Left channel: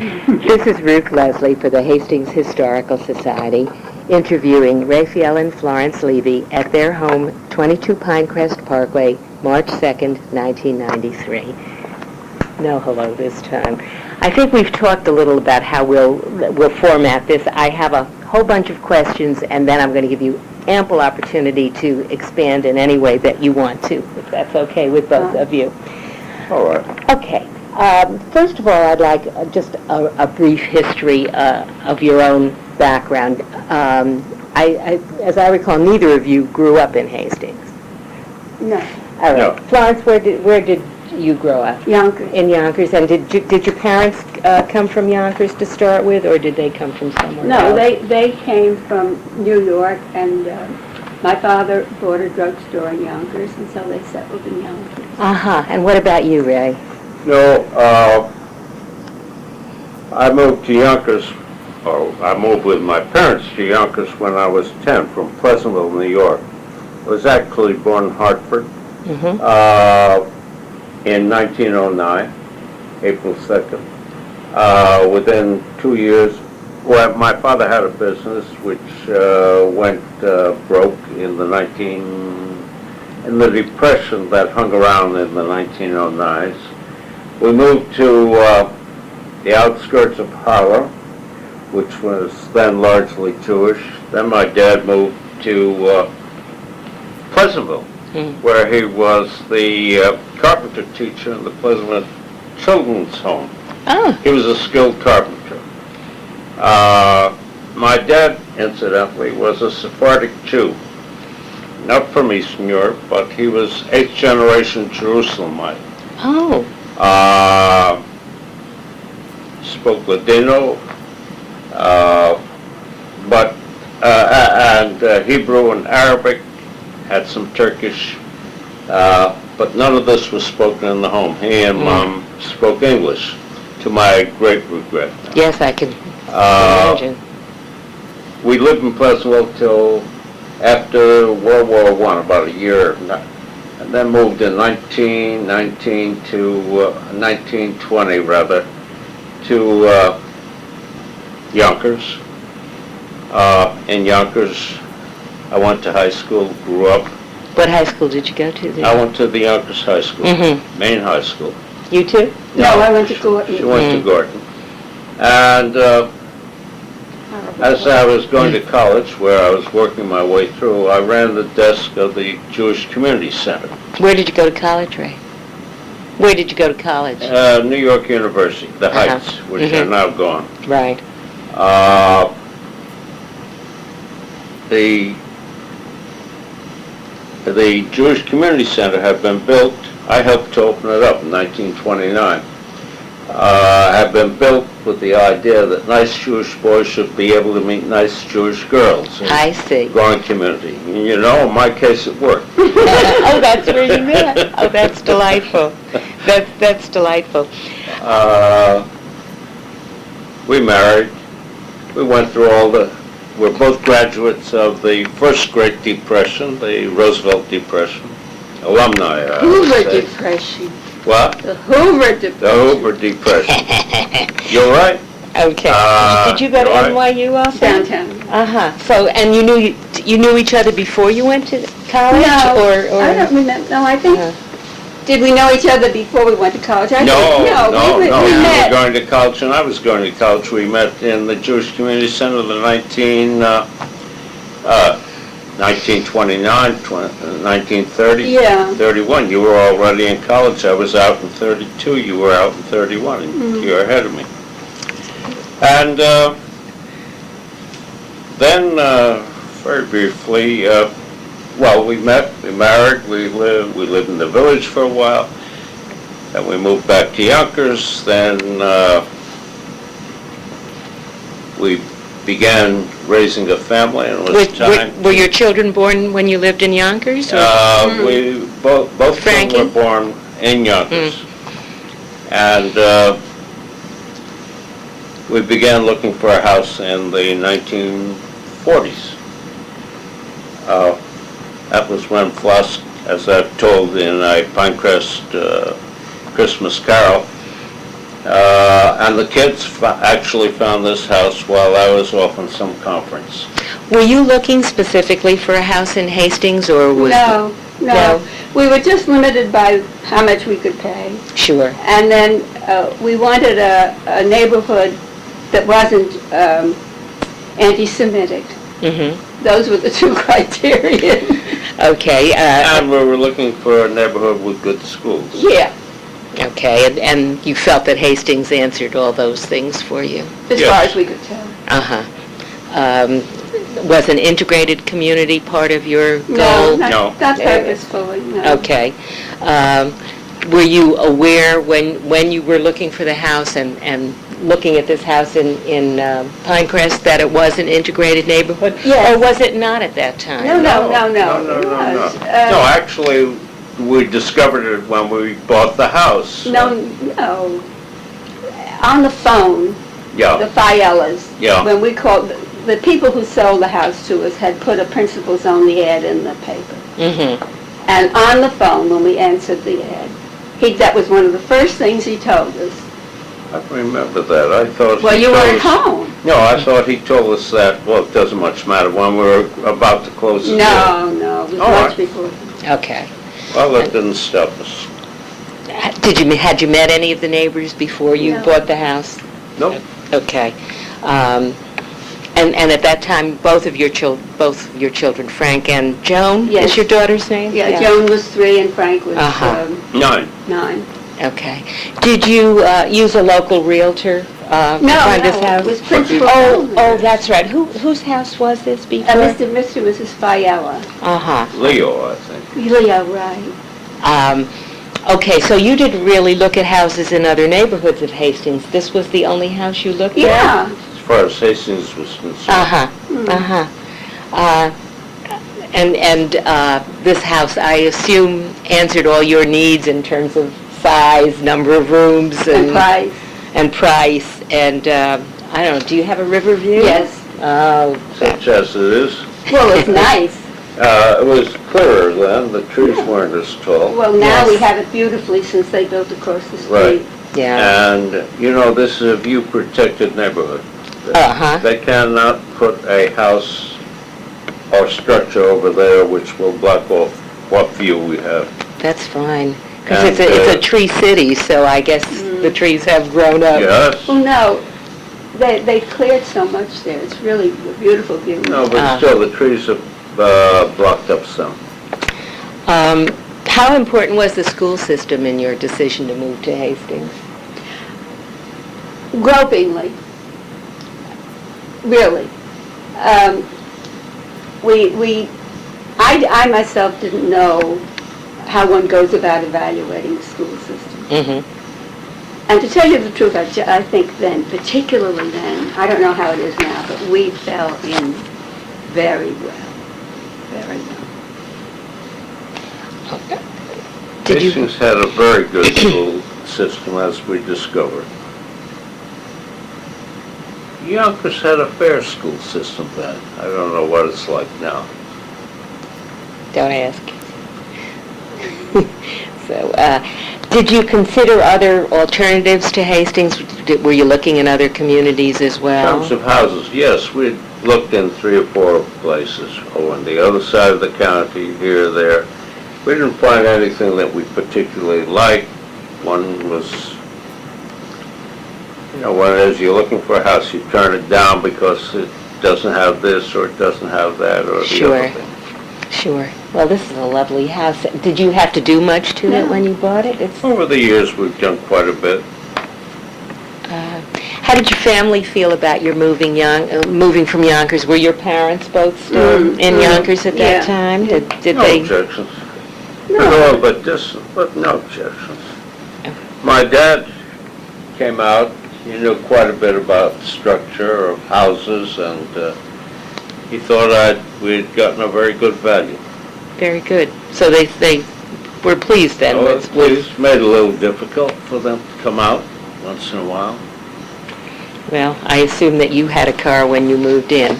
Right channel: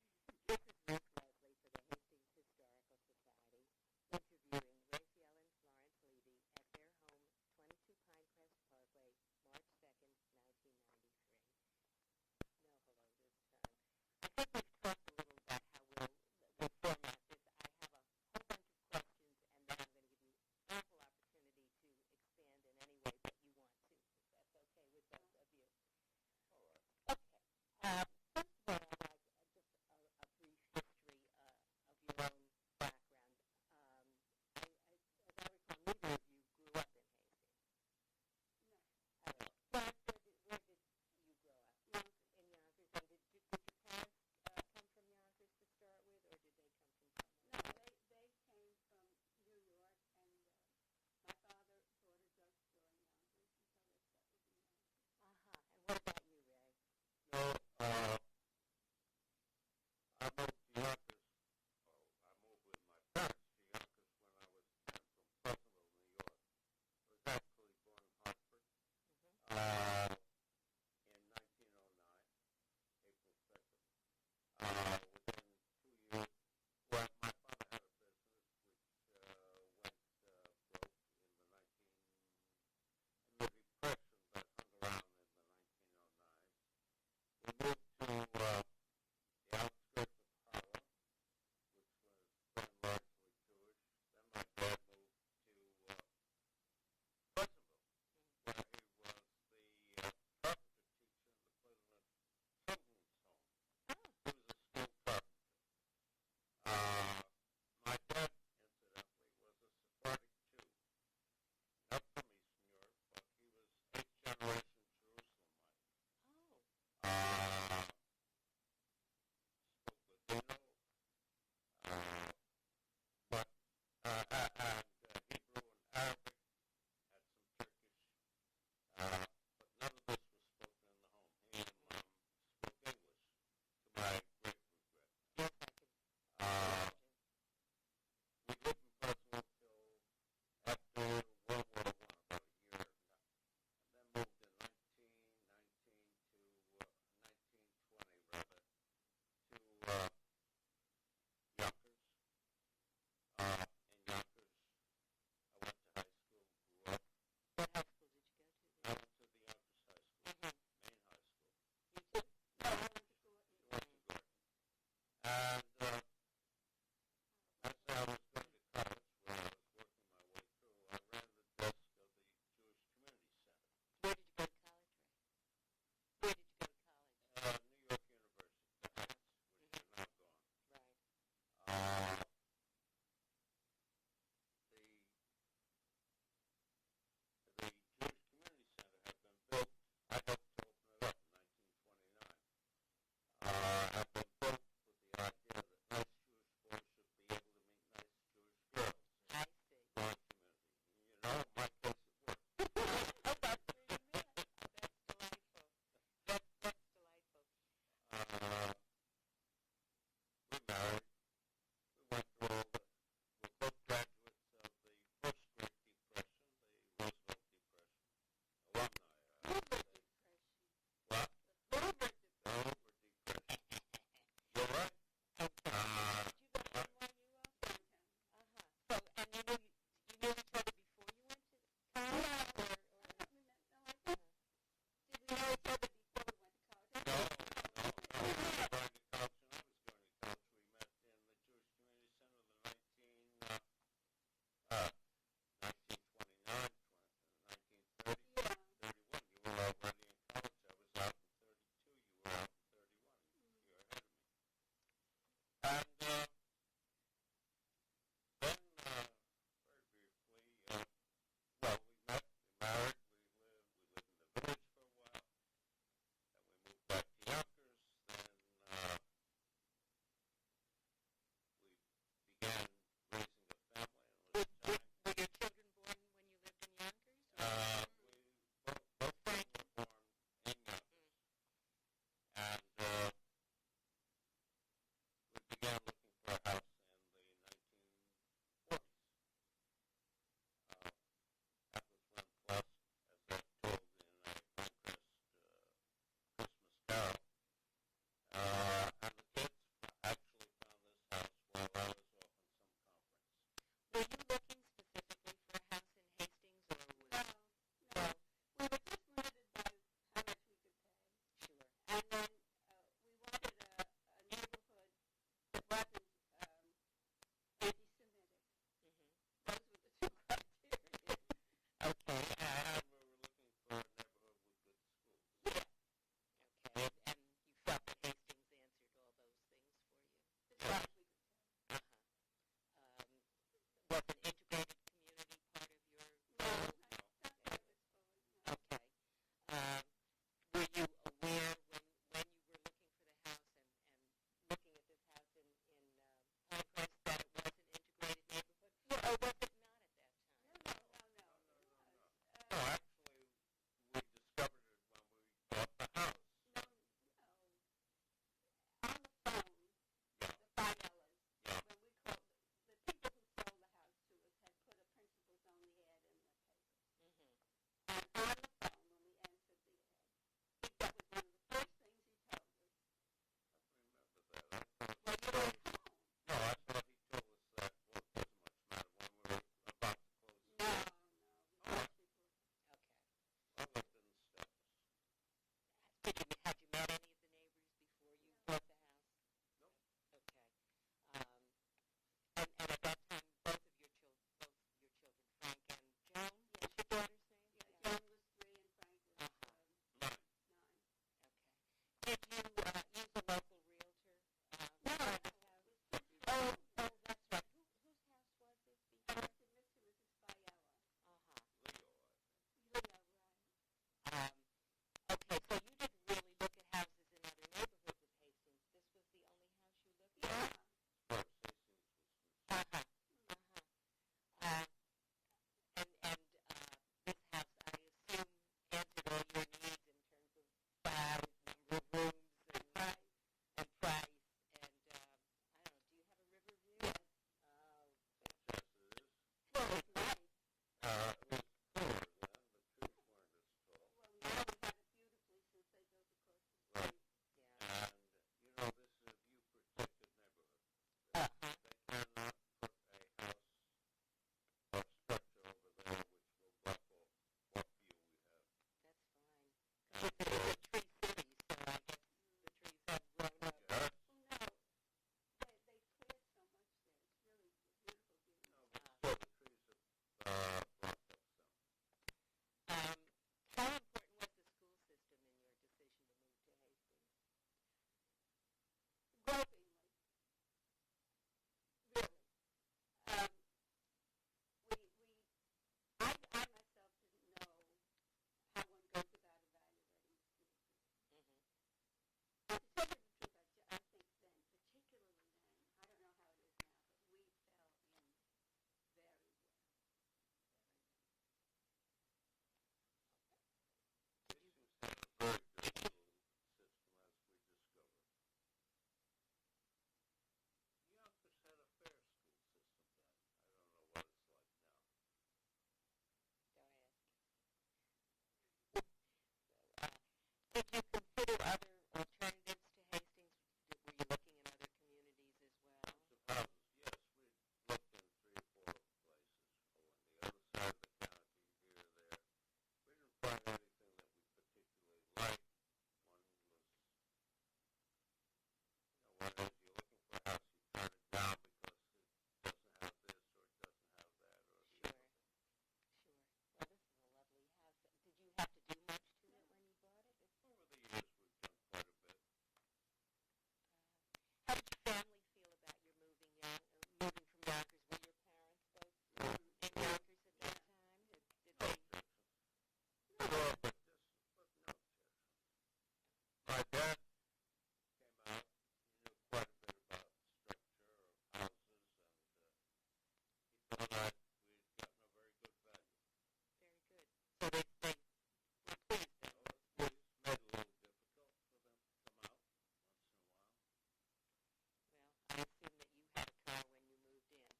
This is Ruth Lesly for the Hastings Historical Society, interviewing Raphael and Florence Levy at their home, 22 Pinecrest Parkway, March 2nd, 1993. No hello this time. I think we've talked a little about how we'll format this. I have a whole bunch of questions, and then I'm going to give you ample opportunity to expand in any way that you want to, if that's okay with both of you. All right. Okay. First of all, I'd like just a brief history of your own background. As I recall, neither of you grew up in Hastings. No. All right. No. Florence, where did you grow up? Yonkers. In Yonkers. And did your parents come from Yonkers to start with, or did they come from somewhere No, else? they came from New York, and my father bought a drugstore in Yonkers, and so they settled in Yonkers. Uh-huh. And what about you, Ray? No, I moved to Yonkers, I moved with my parents to Yonkers when I was 10 from Pleasantville, New York. I was actually born in Hartford Mm-hmm. In 1909, April 2nd. Within 2 years, well, my father had a business which went broke in the Depression that hung around in the 1909s. We moved to the outskirts of Harlem, which was then largely Jewish. Then my dad moved to Pleasantville, where he was the carpenter teacher in the Pleasantville Children's Home. Oh. He was a skilled carpenter. My dad, incidentally, was a Sephardic Jew. Not from Eastern Europe, but he was 8th generation Jerusalemite. Oh. Spoke Ladino, and Hebrew and Arabic, had some Turkish, but none of this was spoken in the home. He and Mom spoke English, to my great regret. Yes, I can imagine. We lived in Pleasantville till after World War I, about a year, and then moved in 1919 to 1920 rather to Yonkers. In Yonkers, I went to high school, grew up. What high school did you go to there? I went to the Yonkers High School, main high school. You too? No, I went to Gorton. She went to Gorton. And as I was going to college, where I was working my way through, I ran the desk of the Jewish Community Center. Where did you go to college, Ray? Where did you go to college? New York University, the Heights, which are now gone. Right. The Jewish Community Center had been built. I helped to open it up in 1929. Had been built with the idea that nice Jewish boys should be able to meet nice Jewish girls. I see. Growing community. You know, in my case, it worked. Oh, that's where you met. Oh, that's delightful. That's delightful. We married. We went through we're both graduates of the first Great Depression, the Roosevelt Depression. Alumni, I would Hoover say. Depression. What? The Hoover Depression. The Hoover Depression. You're right. Okay. Did you go to right. NYU also? Downtown. Uh-huh. So, and you knew each other before you went to college? No, or I don't remember. No, I think, did we know each other before we went to college? I No, think, we you met. were going to college and I was going to college. We met in the Jewish Community Center in the 1929, 1930, Yeah. 31. You were already in college. I was out in 32. You were out in 31. And you're ahead of me. And then, very briefly, well, we met, we married, we lived in the village for a while, then we moved back to Yonkers, then we began raising a family, and it was time. Were your children born when you lived in Yonkers? We both Frankie? children were born in Yonkers, and we began looking for a house in the 1940s. That was when Flosk, as I've told in a Pinecrest Christmas Carol, And the kids actually found this house while I was off on some conference. Were you looking specifically for a house in Hastings, or was... No. No? We were just limited by how much we could pay. Sure. And then we wanted a neighborhood that wasn't anti-Semitic. Mm-hmm. Those were the two criteria. Okay. And we were looking for a neighborhood with good schools. Yeah, Okay, and you felt that Hastings answered all those things for you? as Yes. far as we could tell. Uh-huh. Was an integrated community part of your No, goal? No. not purposefully, no. Okay. Were you aware when you were looking for the house and looking at this house in Pinecrest that it was an integrated neighborhood? Yes. Or was it not at that time? No. No. It was, No, actually, we discovered it when we bought the house. No. On the phone, the Yeah, Fiellas, Yeah. when we called, the people who sold the house to us had put a principal's only ad in the paper. Mm-hmm. And on the phone, when we answered the ad, that was one of the first things he told us. I remember that. I thought Well, he you told weren't us- home. No, I thought he told us that, well, it doesn't much matter, when we were about to close the deal. No, it was All much right. before. Okay. Well, that didn't stop us. Had you met any of the neighbors before you No. bought the house? Nope. Okay. And at that time, both of your children, Frank and Joan, Yes. is your daughter's name? Yeah, Joan was 3 and Frank was Uh-huh. 9. Okay. Did you use a local realtor to No, find this it house? was principal. Oh, that's right. Whose house was this before? Mr. and Mrs. Fiella. Uh-huh. Leo, I think. Leo, right. Okay, so you didn't really look at houses in other neighborhoods of Hastings. This was the only house you looked at? Yeah. As far as Hastings was concerned. Uh-huh, uh-huh. And this house, I assume, answered all your needs in terms of size, number of rooms, And price. and price. And, I don't know, do you have a river view? Yes. Oh, Such as it is. Well, it's nice. It was clearer then, the trees weren't as tall. Well, now we Yes. have it beautifully since they built across the street. Right. yeah. And, this is a view-protected neighborhood. Uh-huh. They cannot put a house or structure over there which will block off what view we have. That's fine. Because And, it's a tree city, so I guess the trees have grown up. Yes? Well, no, they cleared so much there. It's really a beautiful view. No, but still, the trees have blocked up some. How important was the school system in your decision to move to Hastings? Gropingly, really. I myself didn't know how one goes about evaluating the school system. Mm-hmm. And to tell you the truth, I think then, particularly then, I don't know how it is now, but we fell in very well, very well. Did you? Hastings had a very good school system, as we discovered. Yonkers had a fair school system then. I don't know what it's like now. Don't ask. So, did you consider other alternatives to Hastings? Were you looking in other communities as In well? terms of houses, yes, we looked in 3 or 4 places, on the other side of the county, here or there. We didn't find anything that we particularly liked. One was, as you're looking for a house, you turn it down because it doesn't have this or it doesn't have that or the Sure. other thing. Sure. Well, this is a lovely house. Did you have to do much to it No. when you bought it? Over the years, we've done quite a bit. How did your family feel about your moving from Yonkers? Were your parents both still in Yonkers at that Yeah. time? Did No they? objections. No. No, but no objections. My dad came out, he knew quite a bit about the structure of houses, and he thought we'd gotten a very good value. Very good. So they were pleased then So with it's made it a little difficult for them to come out once in a while. well, I assume that you had a car when you moved in.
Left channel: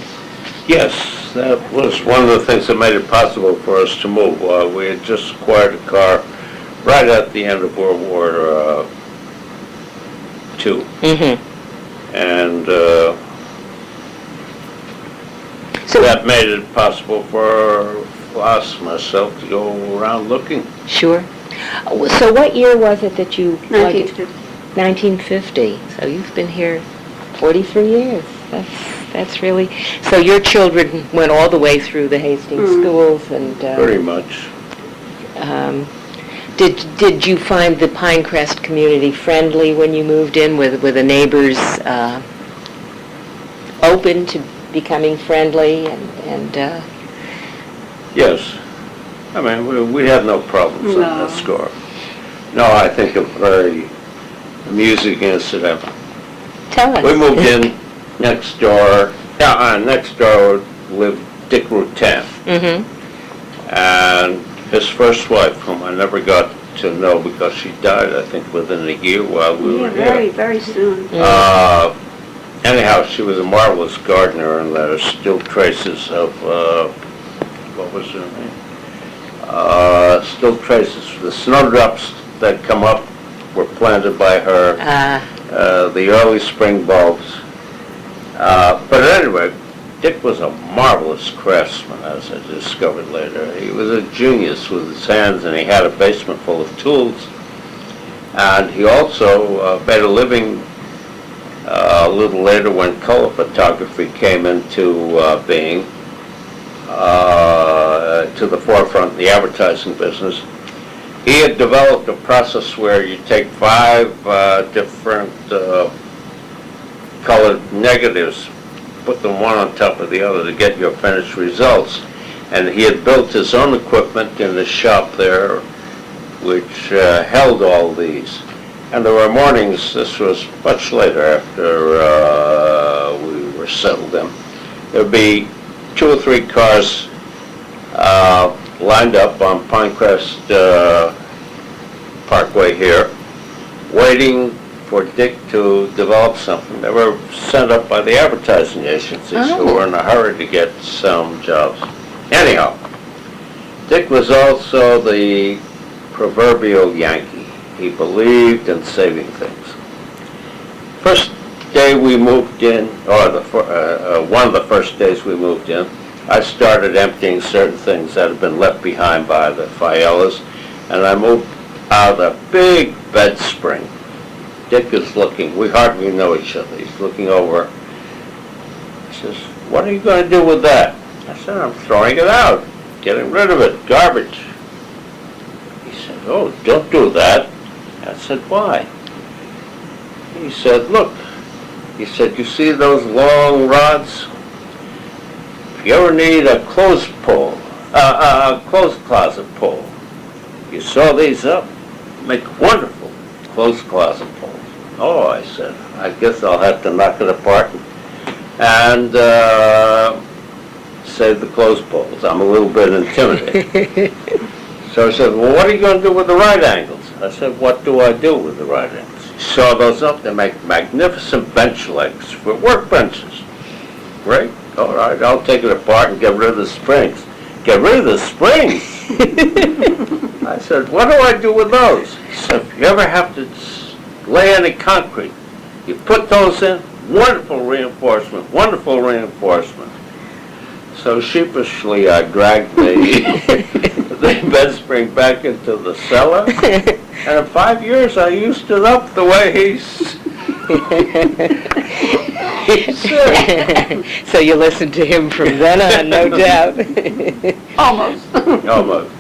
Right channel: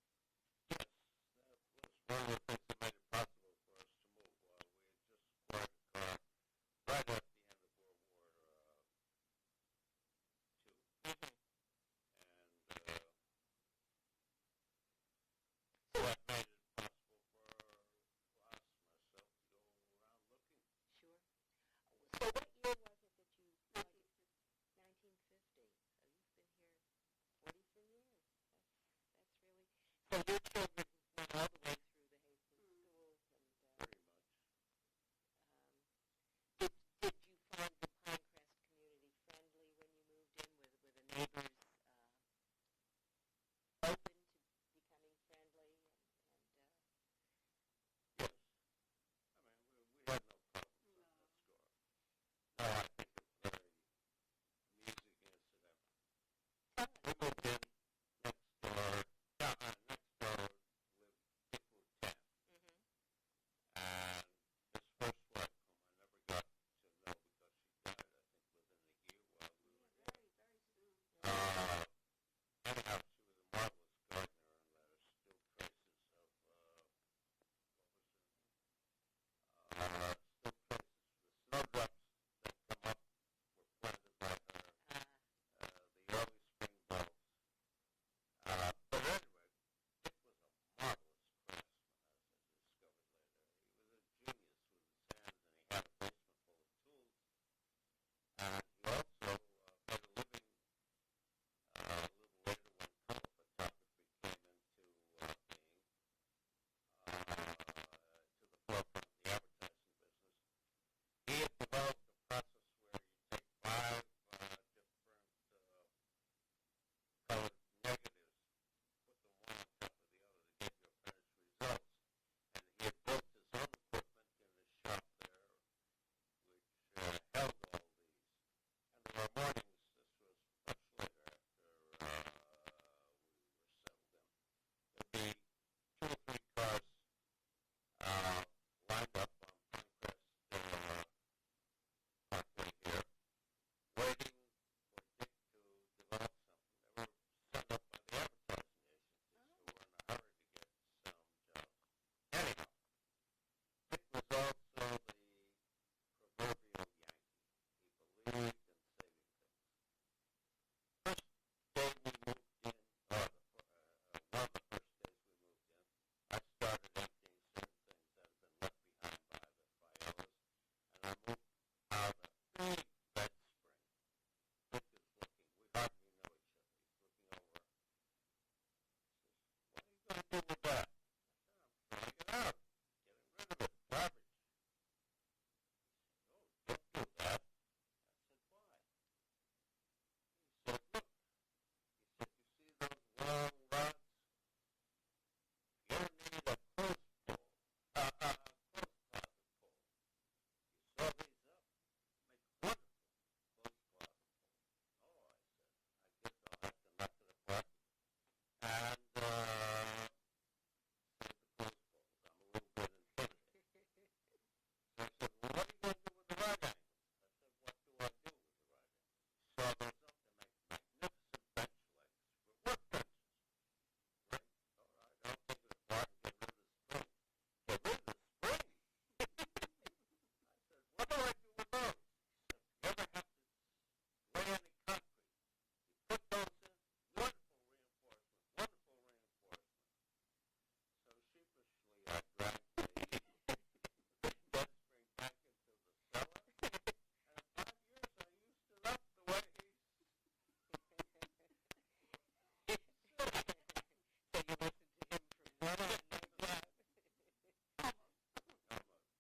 Yes, that was one of the things that made it possible for us to move. We had just acquired a car right at the end of World War 42. Mm-hmm. And So, that made it possible for us, myself, to go around looking. sure. So what year was it that you... 1950. 1950. So you've been here 43 years. That's really... So your children went all the way through the Hastings schools and... Very much. Did you find the Pinecrest community friendly when you moved in? Were the neighbors open to becoming friendly and Yes. I mean, we had no problems on that score. No, I think a very amusing incident. tell us? We moved in next door. Next door lived Dick Rutan. Mm-hmm. And his first wife, whom I never got to know because she died, I think, within a year while we were here. Very, very soon. Anyhow, she was a marvelous gardener, and there are still traces of, what was her name? Still traces. The snowdrops that come up were planted by her, the early spring bulbs. But anyway, Dick was a marvelous craftsman, as I discovered later. He was a genius with his hands, and he had a basement full of tools. And he also made a living a little later when color photography came into being, to the forefront in the advertising business. He had developed a process where you take 5 different colored negatives, put them one on top of the other to get your finished results. And he had built his own equipment in the shop there, which held all these. And there were mornings, this was much later after we were settled in, there'd be 2 or 3 cars lined up on Pinecrest Parkway here, waiting for Dick to develop something. They were sent up by the advertising agencies who were in a hurry to get some jobs. Anyhow, Dick was also the proverbial Yankee. He believed in saving things. First day we moved in, or one of the first days we moved in, I started emptying certain things that had been left behind by the Fayelas, and I moved out a big bed spring. Dick is looking, we hardly know each other. He's looking over. He says, "What are you going to do with that?" I said, "I'm throwing it out, getting rid of it, garbage." He said, "Oh, don't do that." I said, "Why?" He said, "Look," he said, "you see those long rods? If you ever need a clothes pole, a clothes closet pole, you saw these up, make wonderful clothes closet poles." "Oh," I said, "I guess I'll have to knock it apart and save the clothes poles. I'm a little bit intimidated." So I said, "Well, what are you going to do with the right angles?" I said, "What do I do with the right angles?" You saw those up, they make magnificent bench legs for workbenches. Great, all right, I'll take it apart and get rid of the springs. "Get rid of the springs?" I said, "What do I do with those?" He said, "If you ever have to lay any concrete, you put those in, wonderful reinforcement, wonderful reinforcement." So sheepishly I dragged the bed spring back into the cellar, and in 5 years I used it up the way he said. So you listened to him from then on, no doubt. Almost. Almost.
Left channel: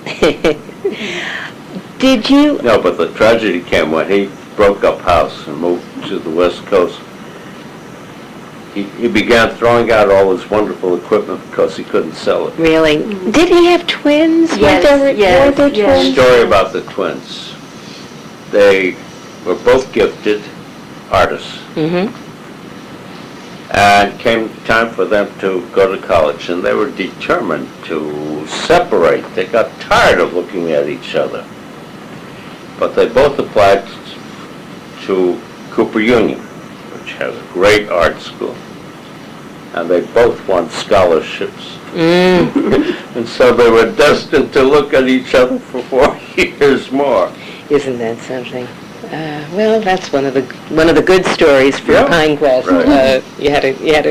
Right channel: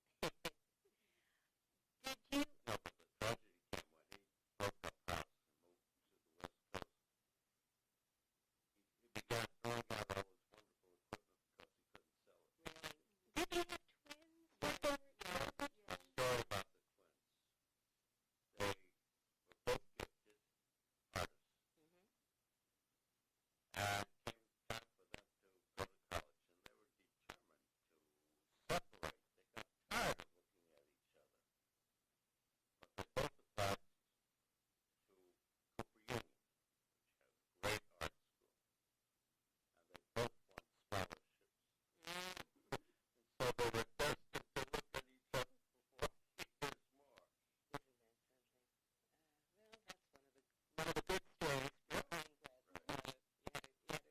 Did you... No, but the tragedy came when he broke up house and moved to the West Coast. He began throwing out all his wonderful equipment because he couldn't sell it. Really? Did he have twins? Yes, Were there twins? Story about the twins. They were both gifted artists. Mm-hmm. And came time for them to go to college, and they were determined to separate. They got tired of looking at each other. But they both applied to Cooper Union, which has a great art school. And they both won scholarships. And so they were destined to look at each other for 4 years more. Isn't that something? Well, that's one of the good stories from Yeah, Pinecrest. right. You had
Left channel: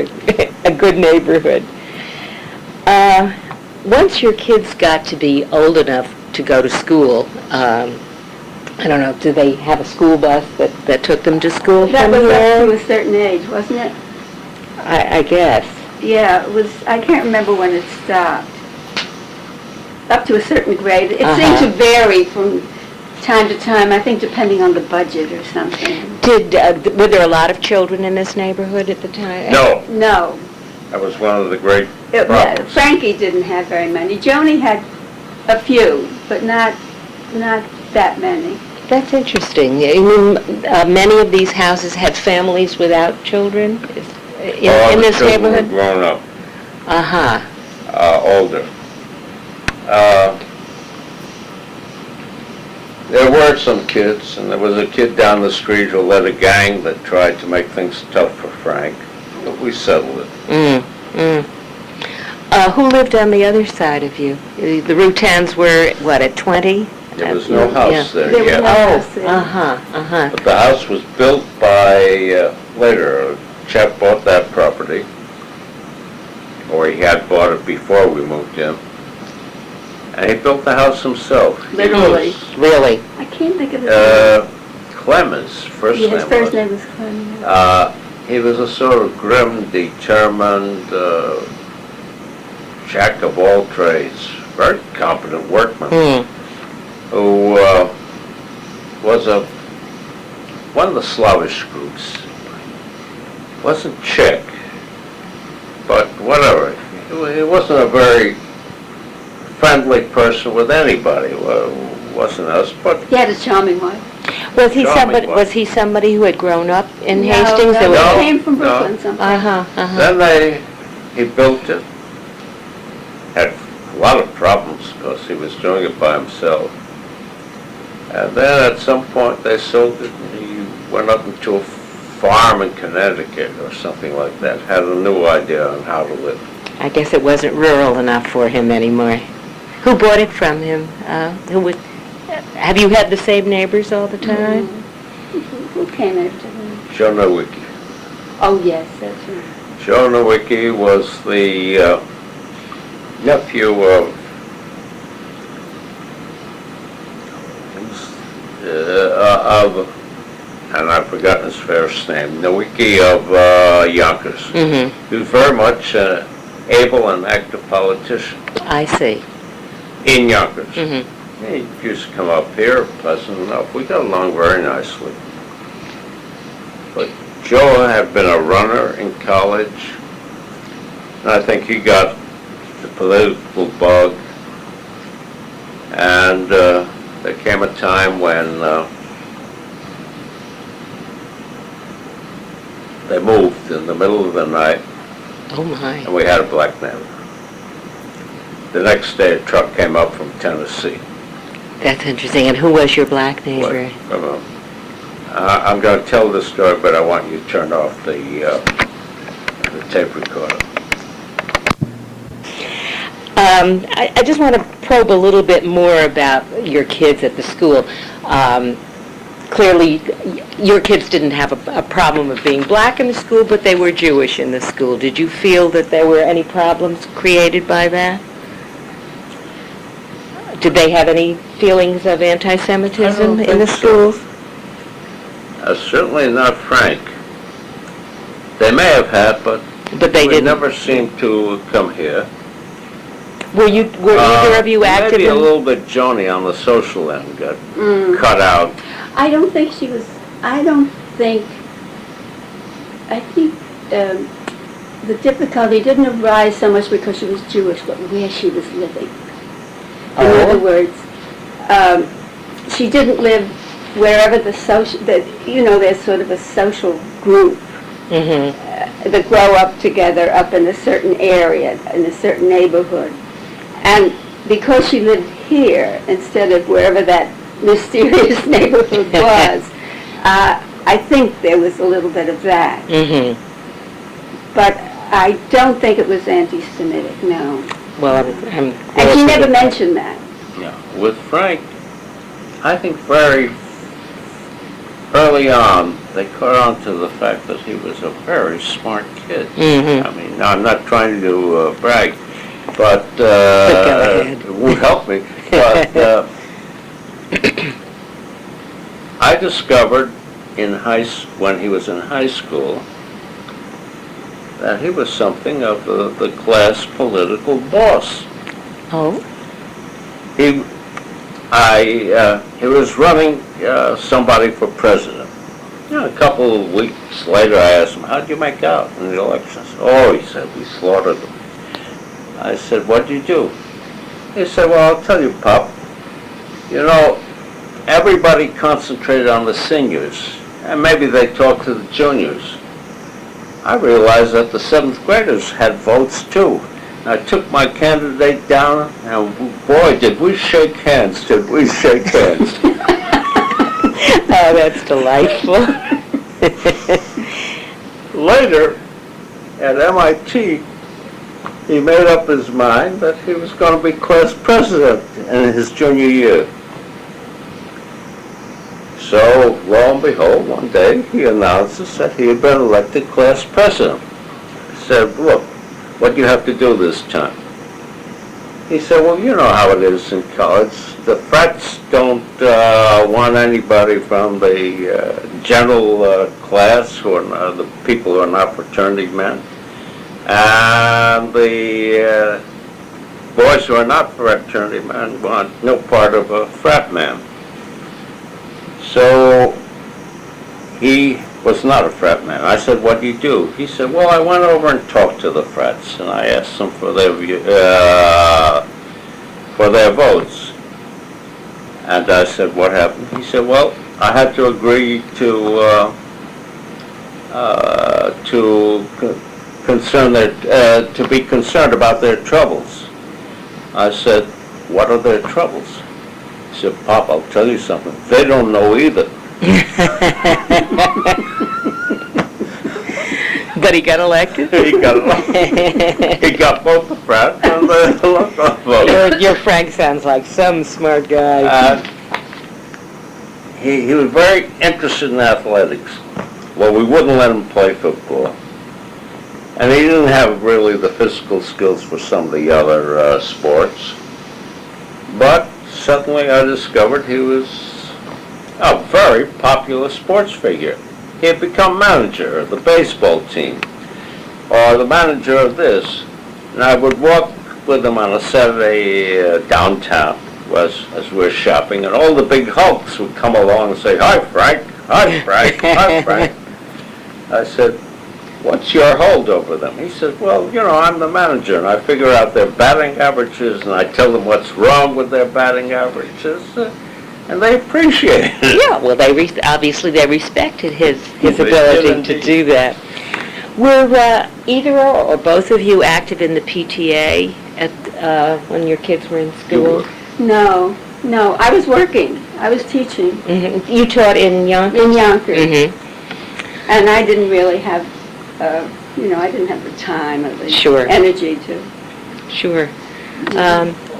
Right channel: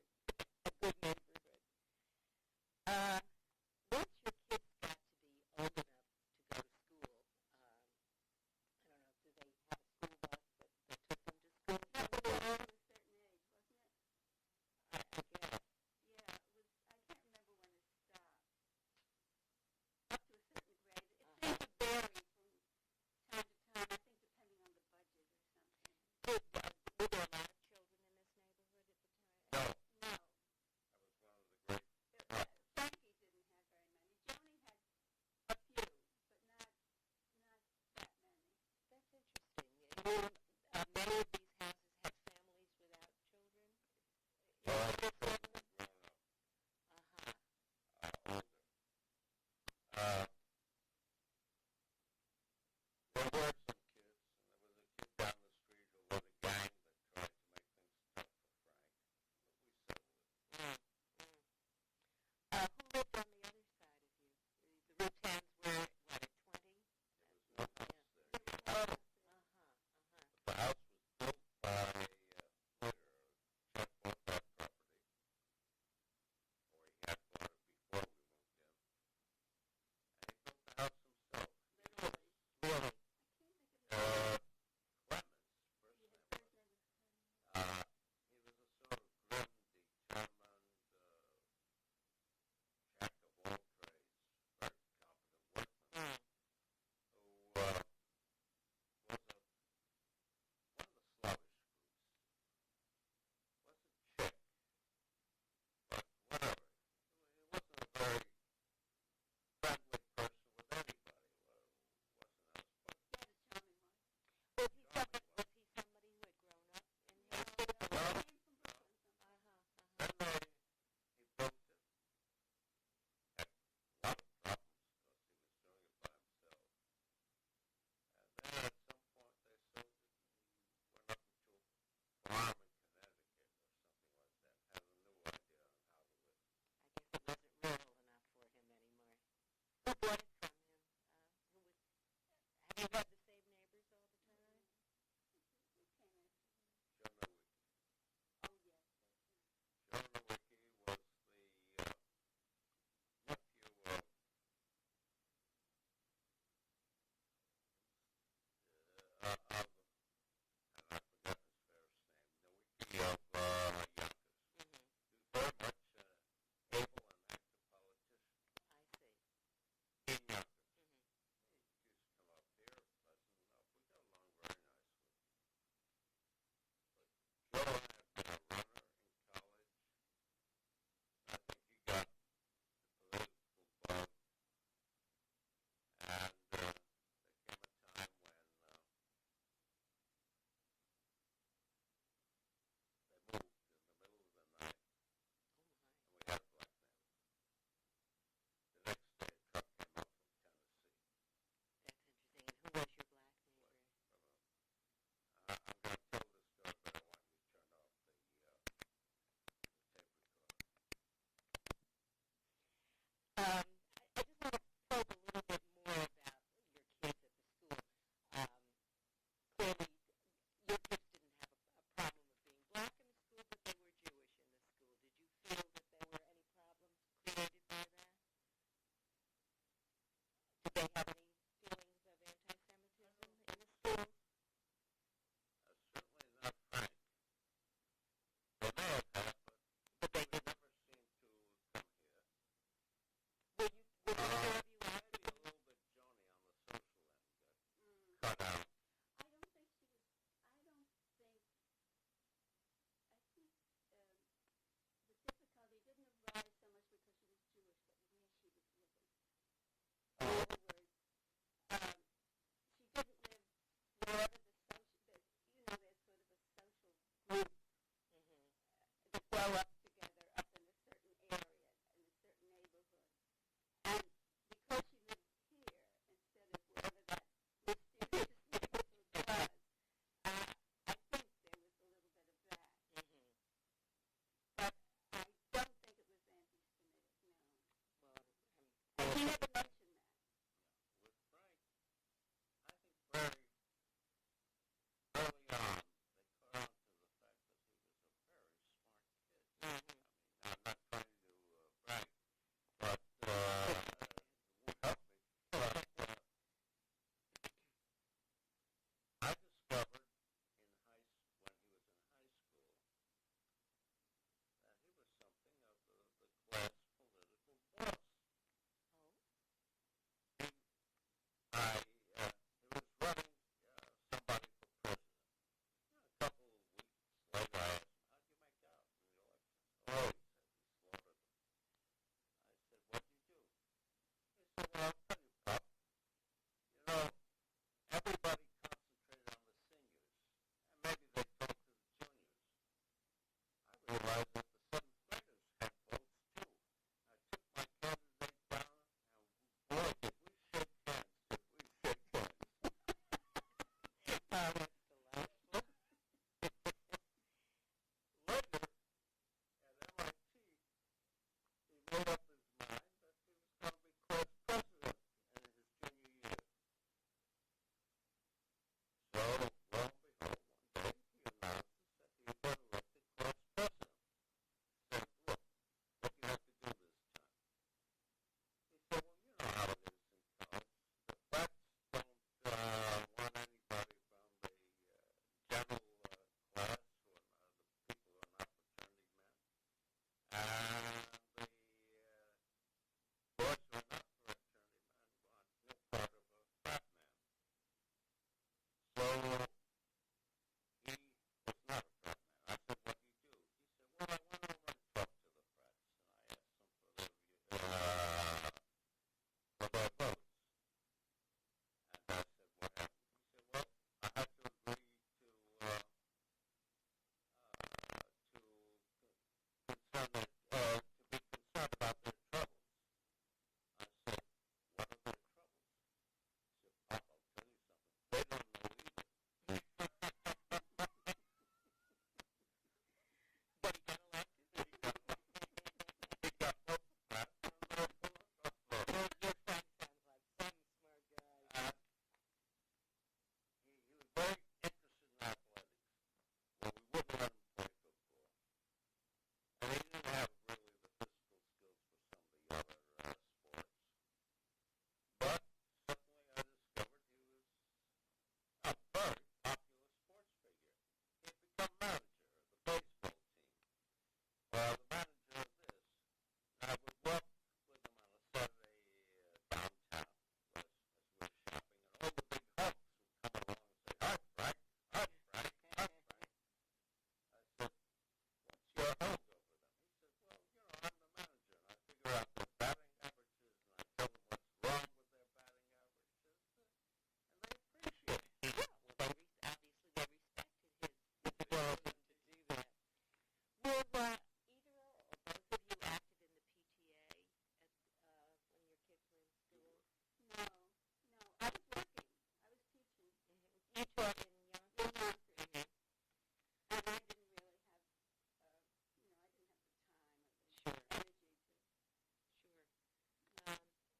a good neighborhood. Once your kids got to be old enough to go to school, I don't know, do they have a school bus that took them to school That from was up to here? a certain age, wasn't it? I guess. Yeah, it was, I can't remember when it stopped. Up to a certain grade. It seemed to vary from time to time, I think depending on the budget or something. Were there a lot of children in this neighborhood at the time? No, No. that was one of the great problems. Frankie didn't have very many. Joni had a few, but not that many. That's interesting. You mean, many of these houses had families without children in this All the children were neighborhood? grown up, Uh-huh. older. There were some kids, and there was a kid down the street who led a gang that tried to make things tough for Frank, but we settled it. Who lived on the other side of you? The Routans were, what, at 20? There was no house there There was yet. no house there. Uh-huh. But the house was built by, later, a chap bought that property, or he had bought it before we moved in, and he built the house himself. Literally. Really? I can't think of his He name. was, Clemens, first Yeah, name his first was. name was Clem. He was a sort of grim, determined, jack of all trades, very competent workman, who was one of the Slavish groups. Wasn't Czech, but whatever. He wasn't a very friendly person with anybody. Well, wasn't us, but He had a charming wife. Was he Charming somebody? one. Was he somebody who had grown up in No, Hastings? no, There was- No. he came from no. Brooklyn sometime. then he built it. Had a lot of problems because he was doing it by himself. And then at some point they sold it and he went up into a farm in Connecticut or something like that. Had a new idea on how to live. I guess it wasn't rural enough for him anymore. Who bought it from him? Have you had the same neighbors all the time? Who came after him? Joe Nowicki. Oh, yes, that's right. Joe Nowicki was the nephew of and I've forgotten his first name, Nowicki of Yonkers. He was very much an able and active politician I see. in Yonkers. He used to come up here, pleasant enough. We got along very nicely. But Joe had been a runner in college, and I think he got the political bug. And there came a time when they moved in the middle of the night, Oh, my. and we had a black neighbor. The next day, a truck came up from Tennessee. That's interesting. And who was your black neighbor? I'm going to tell this story, but I want you to turn off the tape recorder. I just want to probe a little bit more about your kids at the school. Clearly, your kids didn't have a problem of being black in the school, but they were Jewish in the school. Did you feel that there were any problems created by that? Did they have any feelings of anti-Semitism in the schools? Certainly not Frank. They may have had, but they we didn't. never seemed to come here. Were either of you active Maybe a in? little bit Joni on the social end got cut out. I don't think she was, I think the difficulty didn't arise so much because she was Jewish, but where she was living. In other words, she didn't live wherever there's sort of a social group that grow up together up in a certain area, in a certain neighborhood. And because she lived here instead of wherever that mysterious neighborhood was, I think there was a little bit of that. But I don't think it was anti-Semitic, no. Well, And she never mentioned that. Yeah. With Frank, I think very early on, they caught on to the fact that he was a very smart kid. Mm-hmm. I mean, I'm not trying to brag, but go ahead. it won't help me. But I discovered when he was in high school that he was something of the class political boss. Oh? He was running somebody for president. You know, a couple of weeks later, I asked him, "How'd you make out in the elections?" "Oh," he said, "we slaughtered them." I said, "What'd you do?" He said, "Well, I'll tell you, Pop. You know, everybody concentrated on the seniors, and maybe they talked to the juniors. I realized that the 7th graders had votes, too. I took my candidate down, and boy, did we shake hands, did we shake hands." Oh, that's delightful. Later, at MIT, he made up his mind that he was going to be class president in his junior year. So, lo and behold, one day he announces that he had been elected class president. I said, "Look, what do you have to do this time?" He said, "Well, you know how it is in college. The frats don't want anybody from the general class, who are the people who are not fraternity men. And the boys who are not fraternity men want no part of a frat man." So he was not a frat man. I said, "What do you do?" He said, "Well, I went over and talked to the frats, and I asked them for their votes." And I said, "What happened?" He said, "Well, I had to agree to be concerned about their troubles." I said, "What are their troubles?" He said, "Pop, I'll tell you something. They don't know either." But he got elected? He got both the frat and the local vote. Your Frank sounds like some smart guy. He was very interested in athletics. Well, we wouldn't let him play football. And he didn't have really the physical skills for some of the other sports. But suddenly I discovered he was a very popular sports figure. He had become manager of the baseball team, or the manager of this. And I would walk with him on a Saturday downtown as we were shopping, and all the big hulks would come along and say, "Hi, Frank. Hi, Frank. Hi, Frank." I said, "What's your hold over them?" He said, "Well, you know, I'm the manager, and I figure out their batting averages, and I tell them what's wrong with their batting averages, and they appreciate it." Yeah, well, obviously they respected his They ability did to indeed. do that. Were either or both of you active in the PTA when your kids were in school? No, I was working. I was teaching Mm-hmm. You taught in Yonkers? in Yonkers. Mm-hmm. And I didn't really have, I didn't have the time or the Sure. energy to. Sure.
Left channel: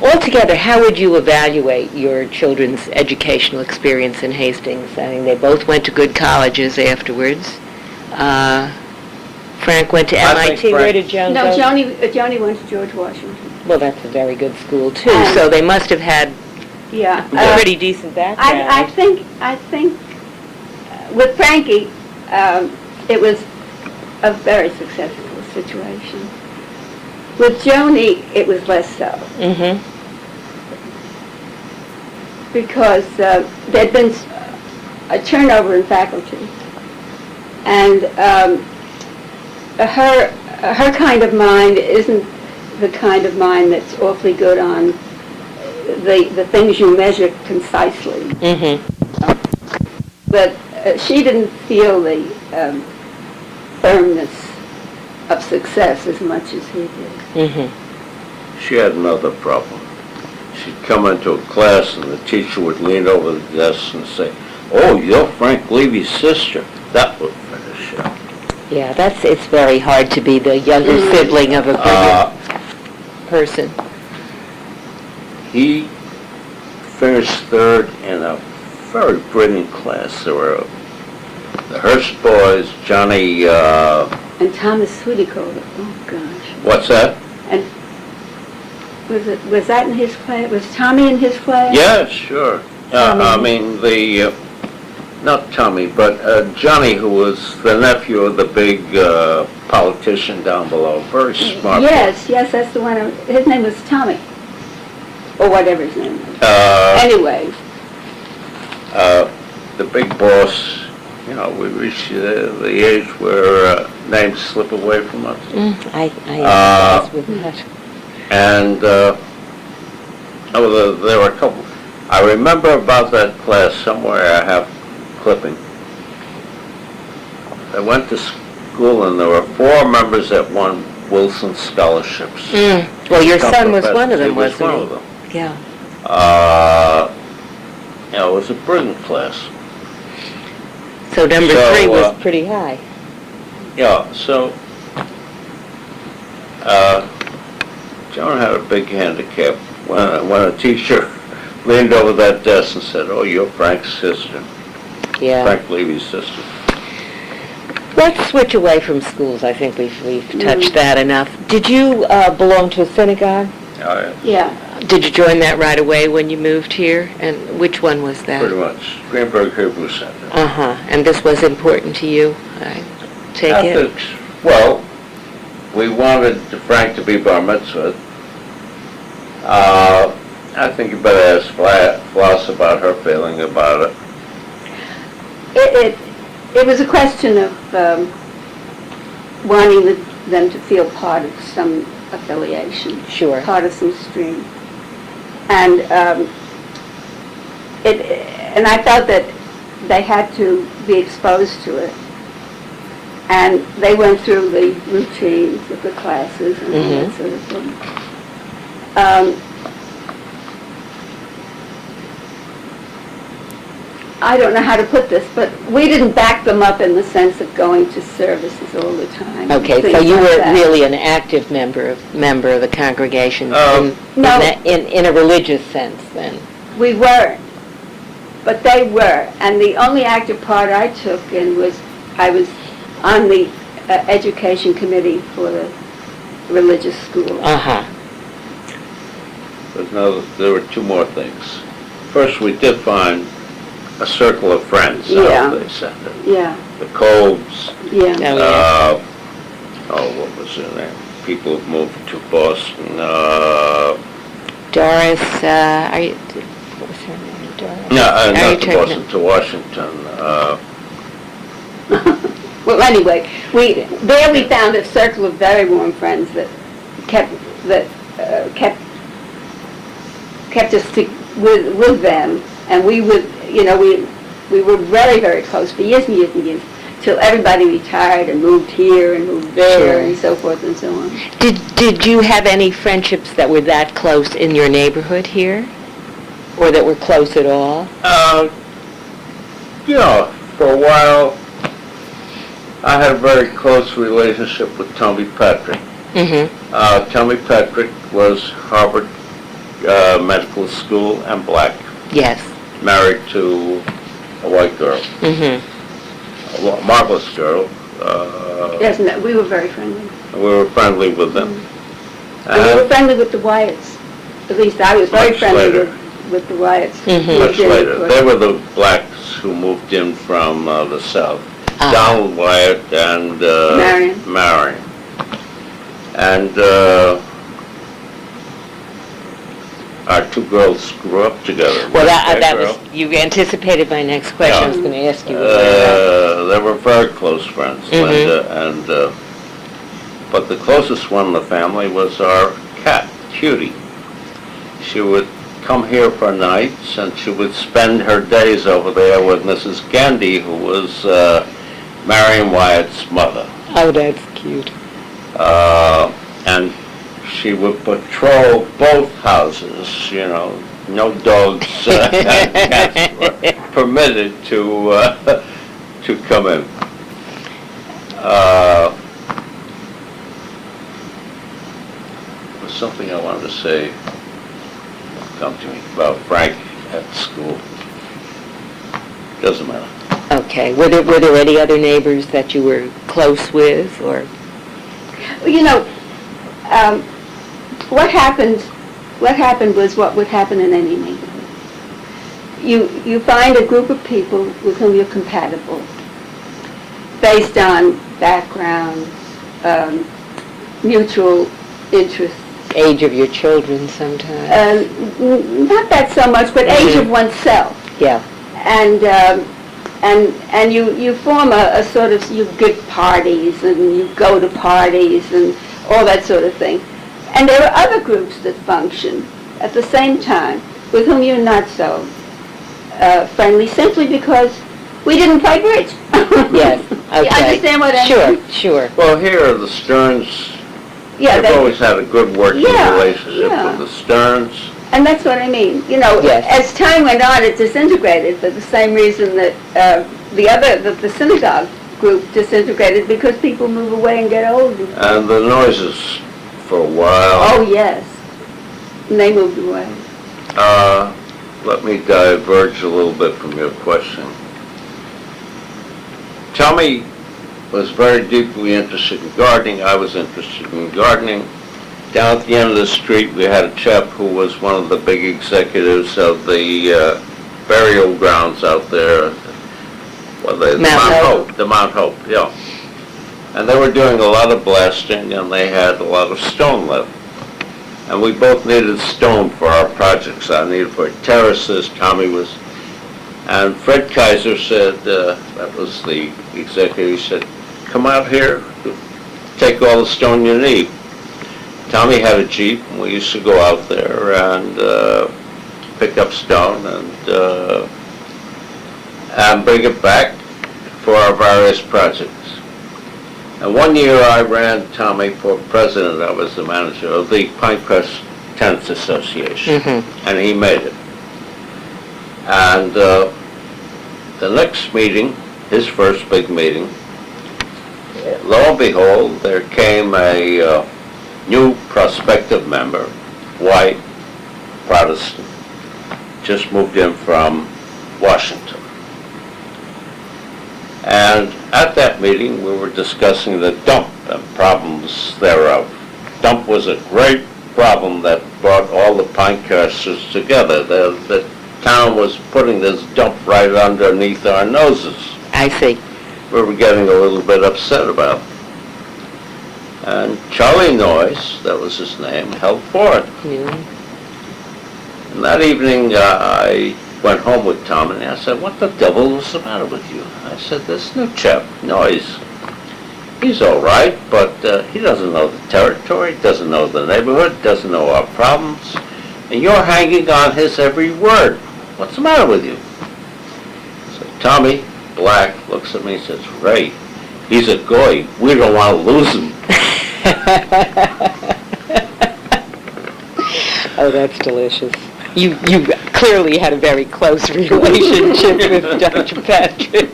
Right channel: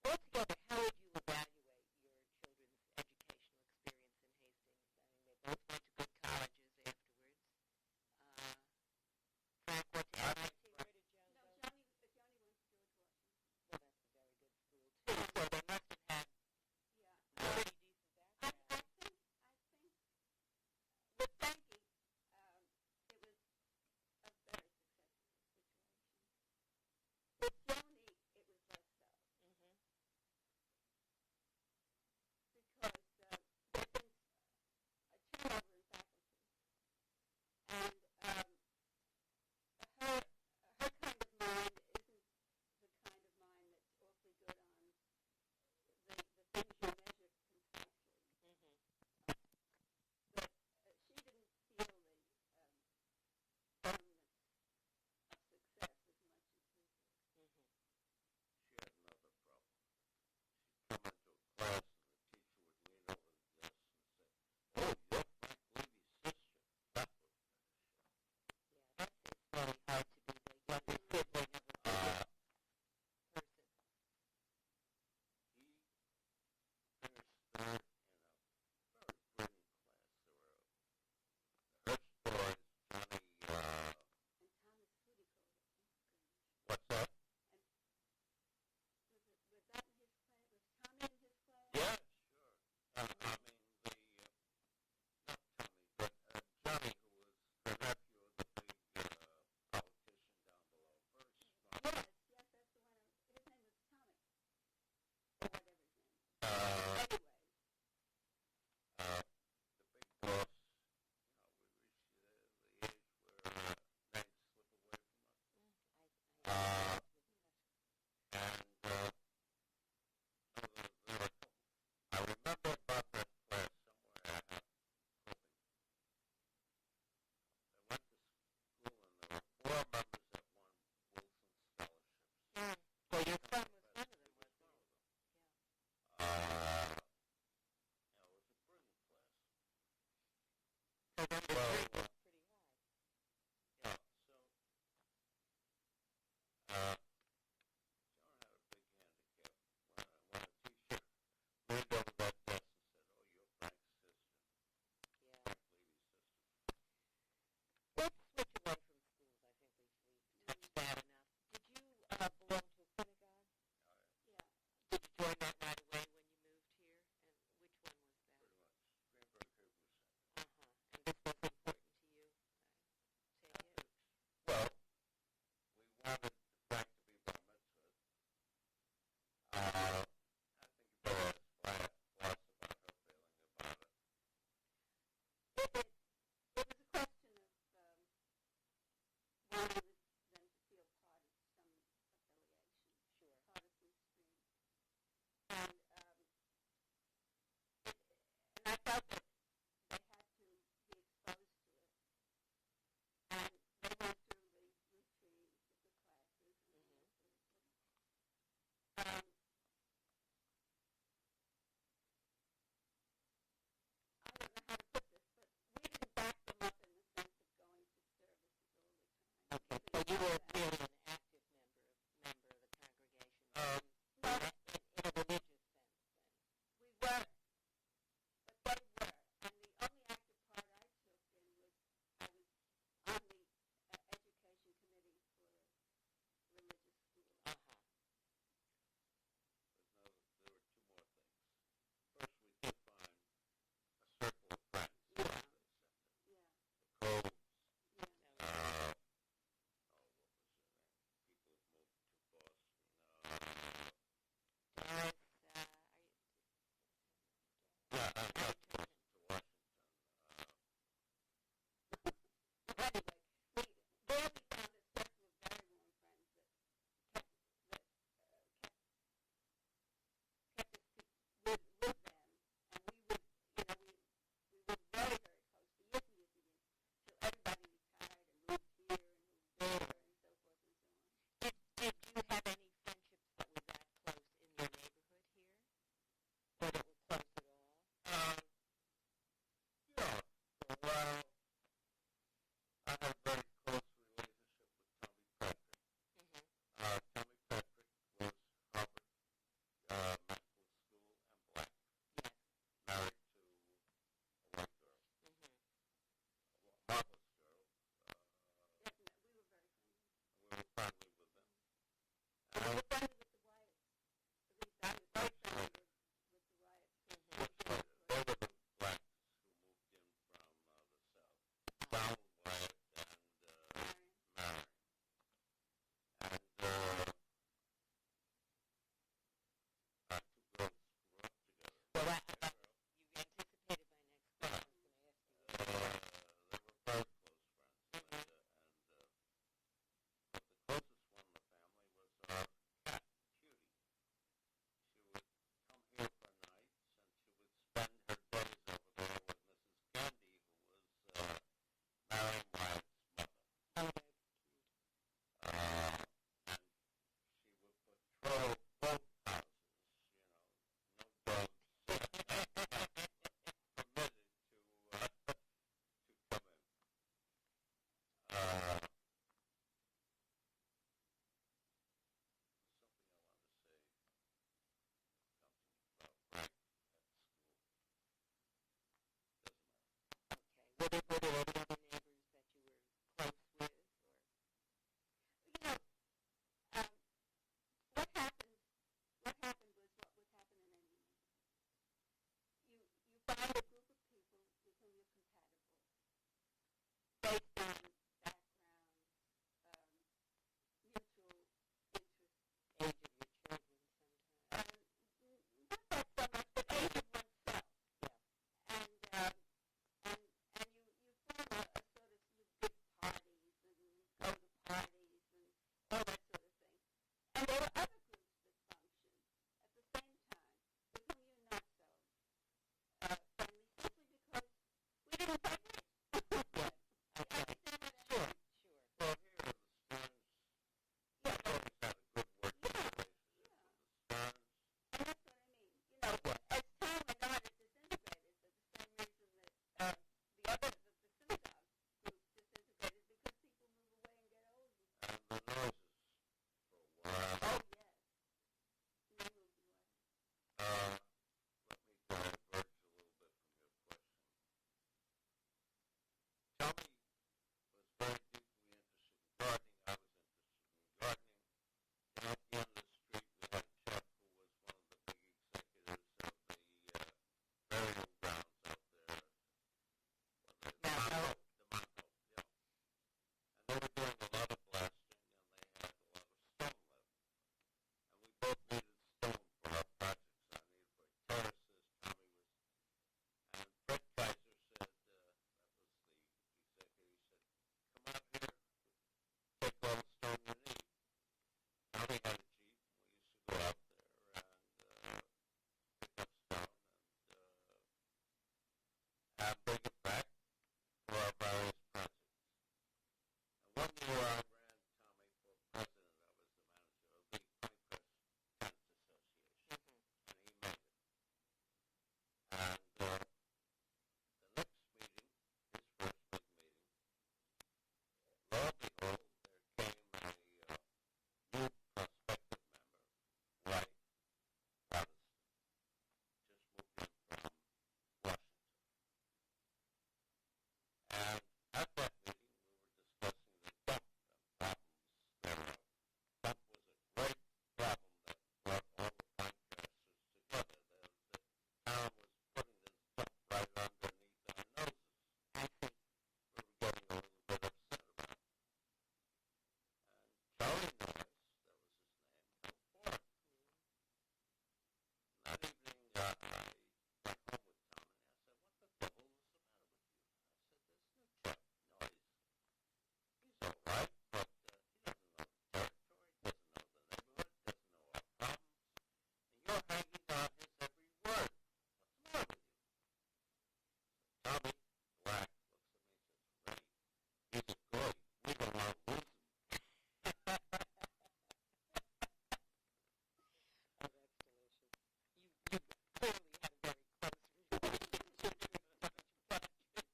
Altogether, how would you evaluate your children's educational experience in Hastings? I mean, they both went to good colleges afterwards. Frank went to I think MIT. Where Frank- did Joan No, go? Joni went to George Washington. Well, that's a very good school, too. And- So they must have had Yeah. a pretty decent background. I think with Frankie, it was a very successful situation. With Joni, it was less so, Mm-hmm. because there'd been a turnover in faculty, and her kind of mind isn't the kind of mind that's awfully good on the things you measure concisely. Mm-hmm. But she didn't feel the firmness of success as much as he did. Mm-hmm. She had another problem. She'd come into a class and the teacher would lean over the desk and say, "Oh, you're Frank Levy's sister." That would finish it. Yeah, it's very hard to be the younger sibling of a bigger person. He finished third in a very brilliant class. There were the Hearst boys, Johnny, And Thomas Sweetycoat. Oh gosh. what's that? And was that in his class? Was Tommy in his class? Yeah, sure. I mean, not Tommy, but Johnny, who was the nephew of the big politician down below. Very smart. Yes, that's the one. His name was Tommy. Or whatever his name was. Anyway. The big boss, you know, we reached the age where names slip away from us. I empathize with that. And there were a couple. I remember about that class somewhere. I have clipping. I went to school and there were 4 members that won Wilson scholarships. Well, your son was one of them, He was wasn't one he? of them. Yeah. You know, it was a brilliant class. So number So, 3 was pretty high. Yeah, so Joan had a big handicap when a teacher leaned over that desk and said, "Oh, you're Frank's sister, Yeah. Frank Levy's sister." Let's switch away from schools. I think we've touched that enough. Did you belong to a synagogue? Yeah. Did you join that right away when you moved here? And which one was that? Pretty much. Greenberg Hebrew Center. Uh-huh. And this was important to you, I take it? Ethics. Well, we wanted Frank to be bar mitzvah. I think you better ask Floss about her feeling about it. It was a question of wanting them to feel part of some affiliation. Sure. Part of some stream. And and I felt that they had to be exposed to it. And they went through the routines of the classes and all that sort of thing. I don't know how to put this, but we didn't back them up in the sense of going to services all the time. Okay, so you were really an active member of the congregation in a religious sense then? We weren't, but they were. And the only active part I took in was I was on the education committee for the religious school. Uh-huh. But no, there were 2 more things. First, we did find a circle of friends, Yeah. they said it. Yeah, The Cobes, yeah. what was their name? People who moved to Boston. Doris, what was her name? Doris? No, Are you not to talking Boston, to Washington. Well, anyway, we found a circle of very warm friends that kept us with them, and we would, we were very, very close for years and years and years, till everybody retired and moved here and moved there, Sure. and so forth and so on. Did you have any friendships that were that close in your neighborhood here? Or that were close at all? For a while, I had a very close relationship with Tommy Patrick. Mm-hmm. Tommy Patrick was Harvard Medical School and black, Yes. married to a white girl, a marvelous girl. Yes, no, we were very friendly. We were friendly with them. And we were friendly with the Wyatts. At least I was very Much friendly later. with the Wyatts. Mhm. Much later. They were the blacks who moved in from the south. Donald Wyatt and Marion. And our 2 girls grew up together. Well, that girl. was, you anticipated my next question. Yeah. I was going to ask you. They were very close friends, Mhm. Linda, and but the closest one in the family was our cat, Cutie. She would come here for nights, and she would spend her days over there with Mrs. Gandy, who was Marion Wyatt's mother. Oh, that's cute. And she would patrol both houses, no dogs and cats were permitted to come in. There was something I wanted to say, come to me, about Frank at school. Doesn't matter. Okay. Were there any other neighbors that you were close with, or? Well, you know, what happened was what would happen in any neighborhood. You find a group of people with whom you're compatible based on background, mutual interests. Age of your children sometimes. Not that so much, but age of oneself. Yeah. And you form a sort of, you give parties and you go to parties and all that sort of thing. And there are other groups that function at the same time with whom you're not so friendly, simply because we didn't play bridge. Yes. Okay. You understand what I mean? Sure. Well, here, the Stearns, Yeah, they've always had a good working relationship yeah. with the Stearns. And that's what I mean. You know, Yes. as time went on, it disintegrated for the same reason that the synagogue group disintegrated, because people move away and get old. And the noises for a while. Oh, yes. And they moved away. Let me diverge a little bit from your question. Tommy was very deeply interested in gardening. I was interested in gardening. Down at the end of the street, we had a chap who was one of the big executives of the burial grounds out there. Well, the Mount Hope. The Mount Hope, yeah. And they were doing a lot of blasting, and they had a lot of stone left. And we both needed stone for our projects. I needed for terraces. Tommy was, and Fred Kaiser said, that was the executive, he said, come out here, take all the stone you need. Tommy had a Jeep, and we used to go out there and pick up stone and bring it back for our various projects. And one year I ran Tommy for president. I was the manager of the Pinecrest Tenants Association, and he made it. And the next meeting, his first big meeting, lo and behold, there came a new prospective member, white, Protestant, just moved in from Washington. And at that meeting, we were discussing the dump and problems thereof. Dump was a great problem that brought all the Pinecresters together. The town was putting this dump right underneath our noses. I see. We were getting a little bit upset about it. And Charlie Noyes, that was his name, held forth. Yeah. And that evening, I went home with Tom, and I said, what the devil is the matter with you? I said, this new chap, Noyes, he's all right, but he doesn't know the territory, doesn't know the neighborhood, doesn't know our problems, and you're hanging on his every word. What's the matter with you? So Tommy Black looks at me and says, Ray, he's a goy. We don't want to lose him. Oh, that's delicious. You clearly had a very close relationship with Dr. Patrick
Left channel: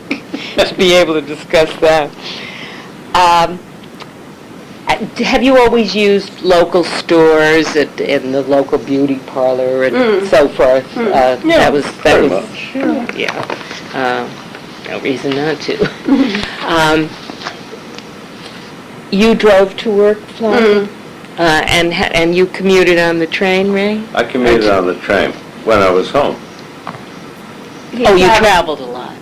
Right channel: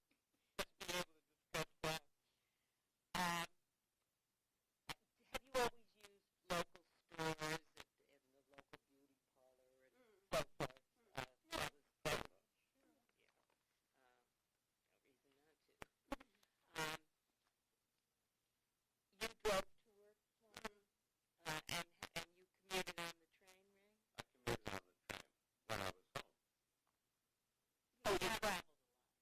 to be able to discuss that. Have you always used local stores in the local beauty parlor and so forth? Yeah, that was pretty much. Yeah. No reason not to. You drove to work, Florence? And you commuted on the train, Ray? I commuted on the train when I was home. Oh, you traveled a lot.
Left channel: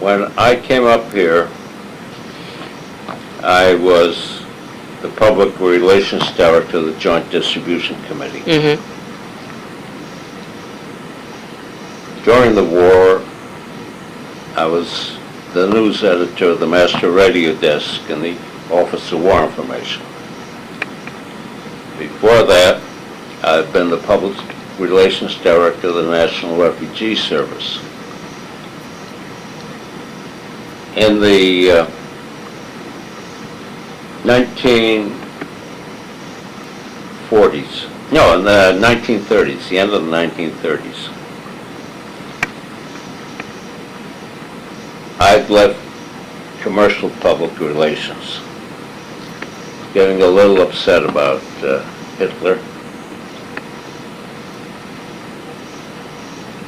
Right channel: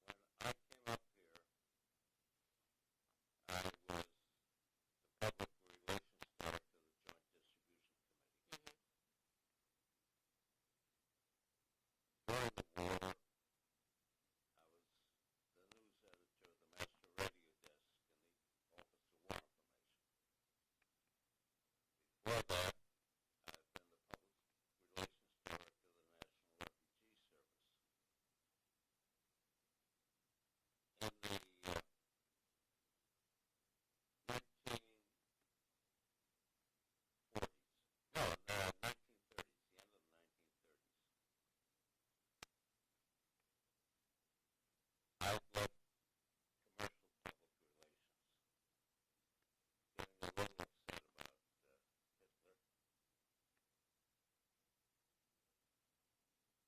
When I came up here, I was the Public Relations Director of the Joint Distribution Committee. Mm-hmm. During the war, I was the news editor of the Master Radio Desk in the Office of War Information. Before that, I've been the Public Relations Director of the National Refugee Service. In the 1930s, in the 1930s, the end of the 1930s, I'd left commercial public relations, getting a little upset about Hitler.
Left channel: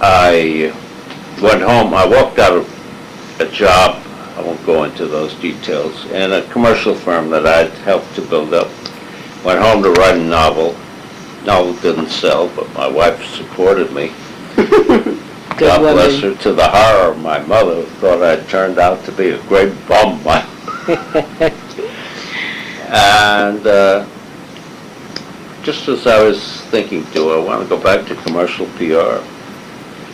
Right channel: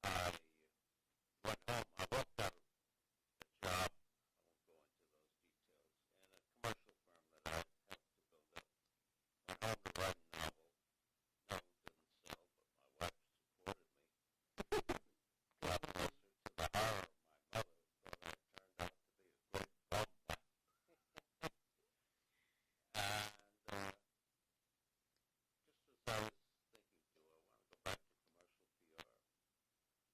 I went home. I walked out of a job, I won't go into those details, in a commercial firm that I'd helped to build up. Went home to write a novel. Novel didn't sell, but my wife supported me. God bless her, to the horror of my mother, who thought I'd turned out to be a great bum. And just as I was thinking, do I want to go back to commercial PR?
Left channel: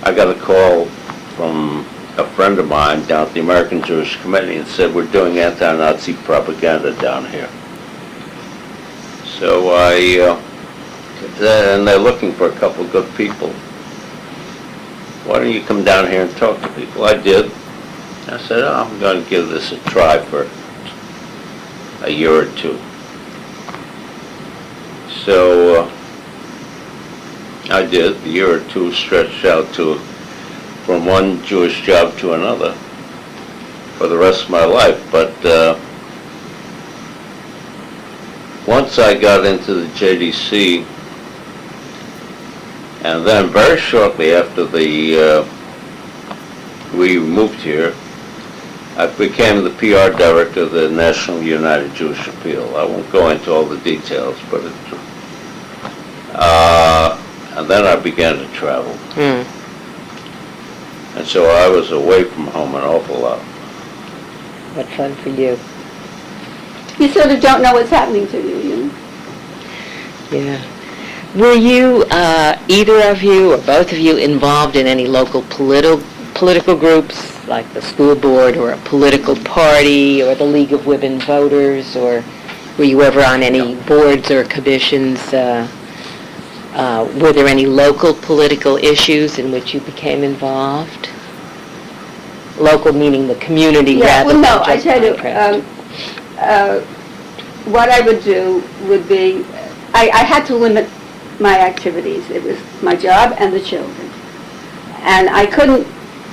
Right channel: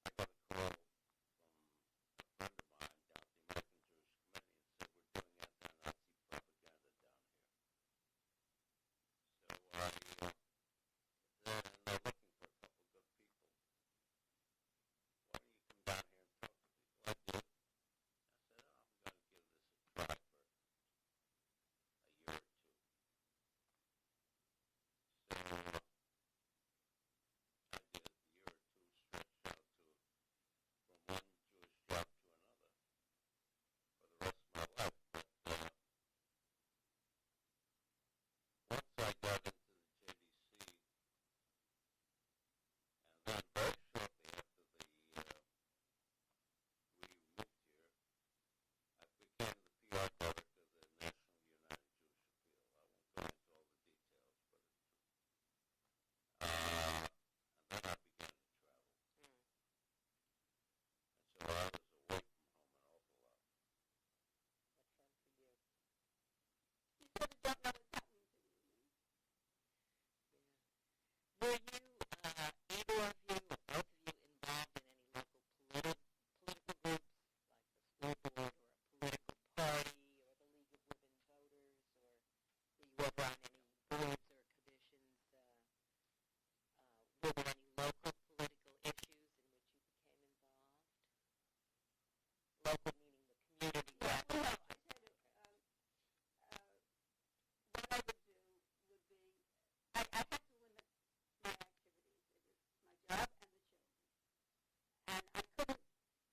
I got a call from a friend of mine down at the American Jewish Committee and said, we're doing anti-Nazi propaganda down here. So and they're looking for a couple of good people. Why don't you come down here and talk to people? I did. I said, oh, I'm going to give this a try for a year or two. So I did. A year or two stretched out to from one Jewish job to another for the rest of my life. But once I got into the JDC, and then very shortly after we moved here, I became the PR director of the National United Jewish Appeal. I won't go into all the details, but and then I began to travel. And so I was away from home an awful lot. What fun for you. You sort of don't know what's happening to you, you know? Yeah. Were you, either of you or both of you, involved in any local political groups, like the school board or a political party or the League of Women Voters, or were you ever on any boards or commissions? Were there any local political issues in which you became involved? Local meaning the community rather well, no, than I just tell you, Pinecrest. what I would do would be, I had to limit my activities. It was my job and the children. And I couldn't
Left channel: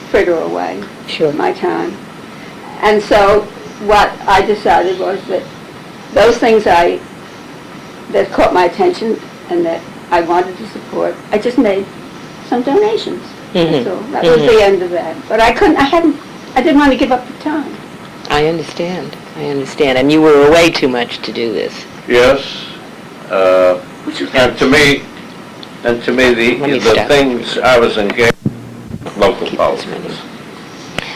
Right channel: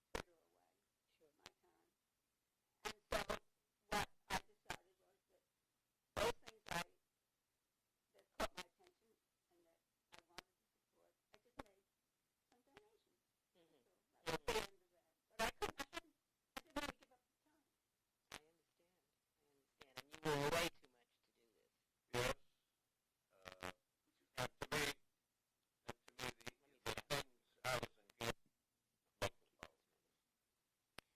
fritter away my time. And so what I decided was that those things that caught my attention and that I wanted to support, I just made some donations. Mm-hmm. So that was the end of that. But I didn't want to give up the time. I understand. And you were away too much to do this. Yes. And to me, the things I was engaged in, local politics.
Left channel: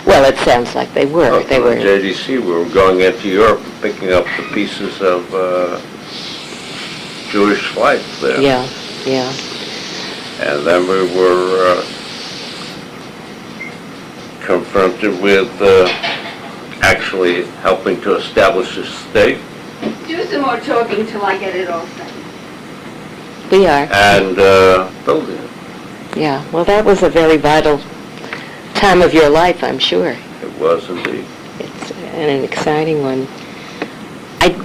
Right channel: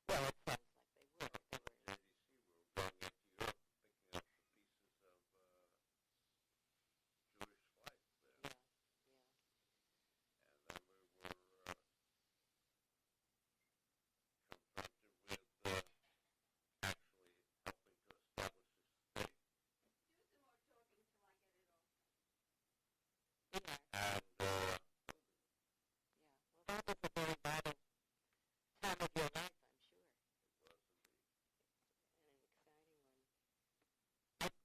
Well, it sounds like they were. Well, they were. JDC, we were going into Europe and picking up the pieces of Jewish flags there. Yeah. And then we were confronted with actually helping to establish a state. Do some more talking till I get it all set. We are. And building it. Yeah. Well, that was a very vital time of your life, I'm sure. It was indeed. It's an exciting one.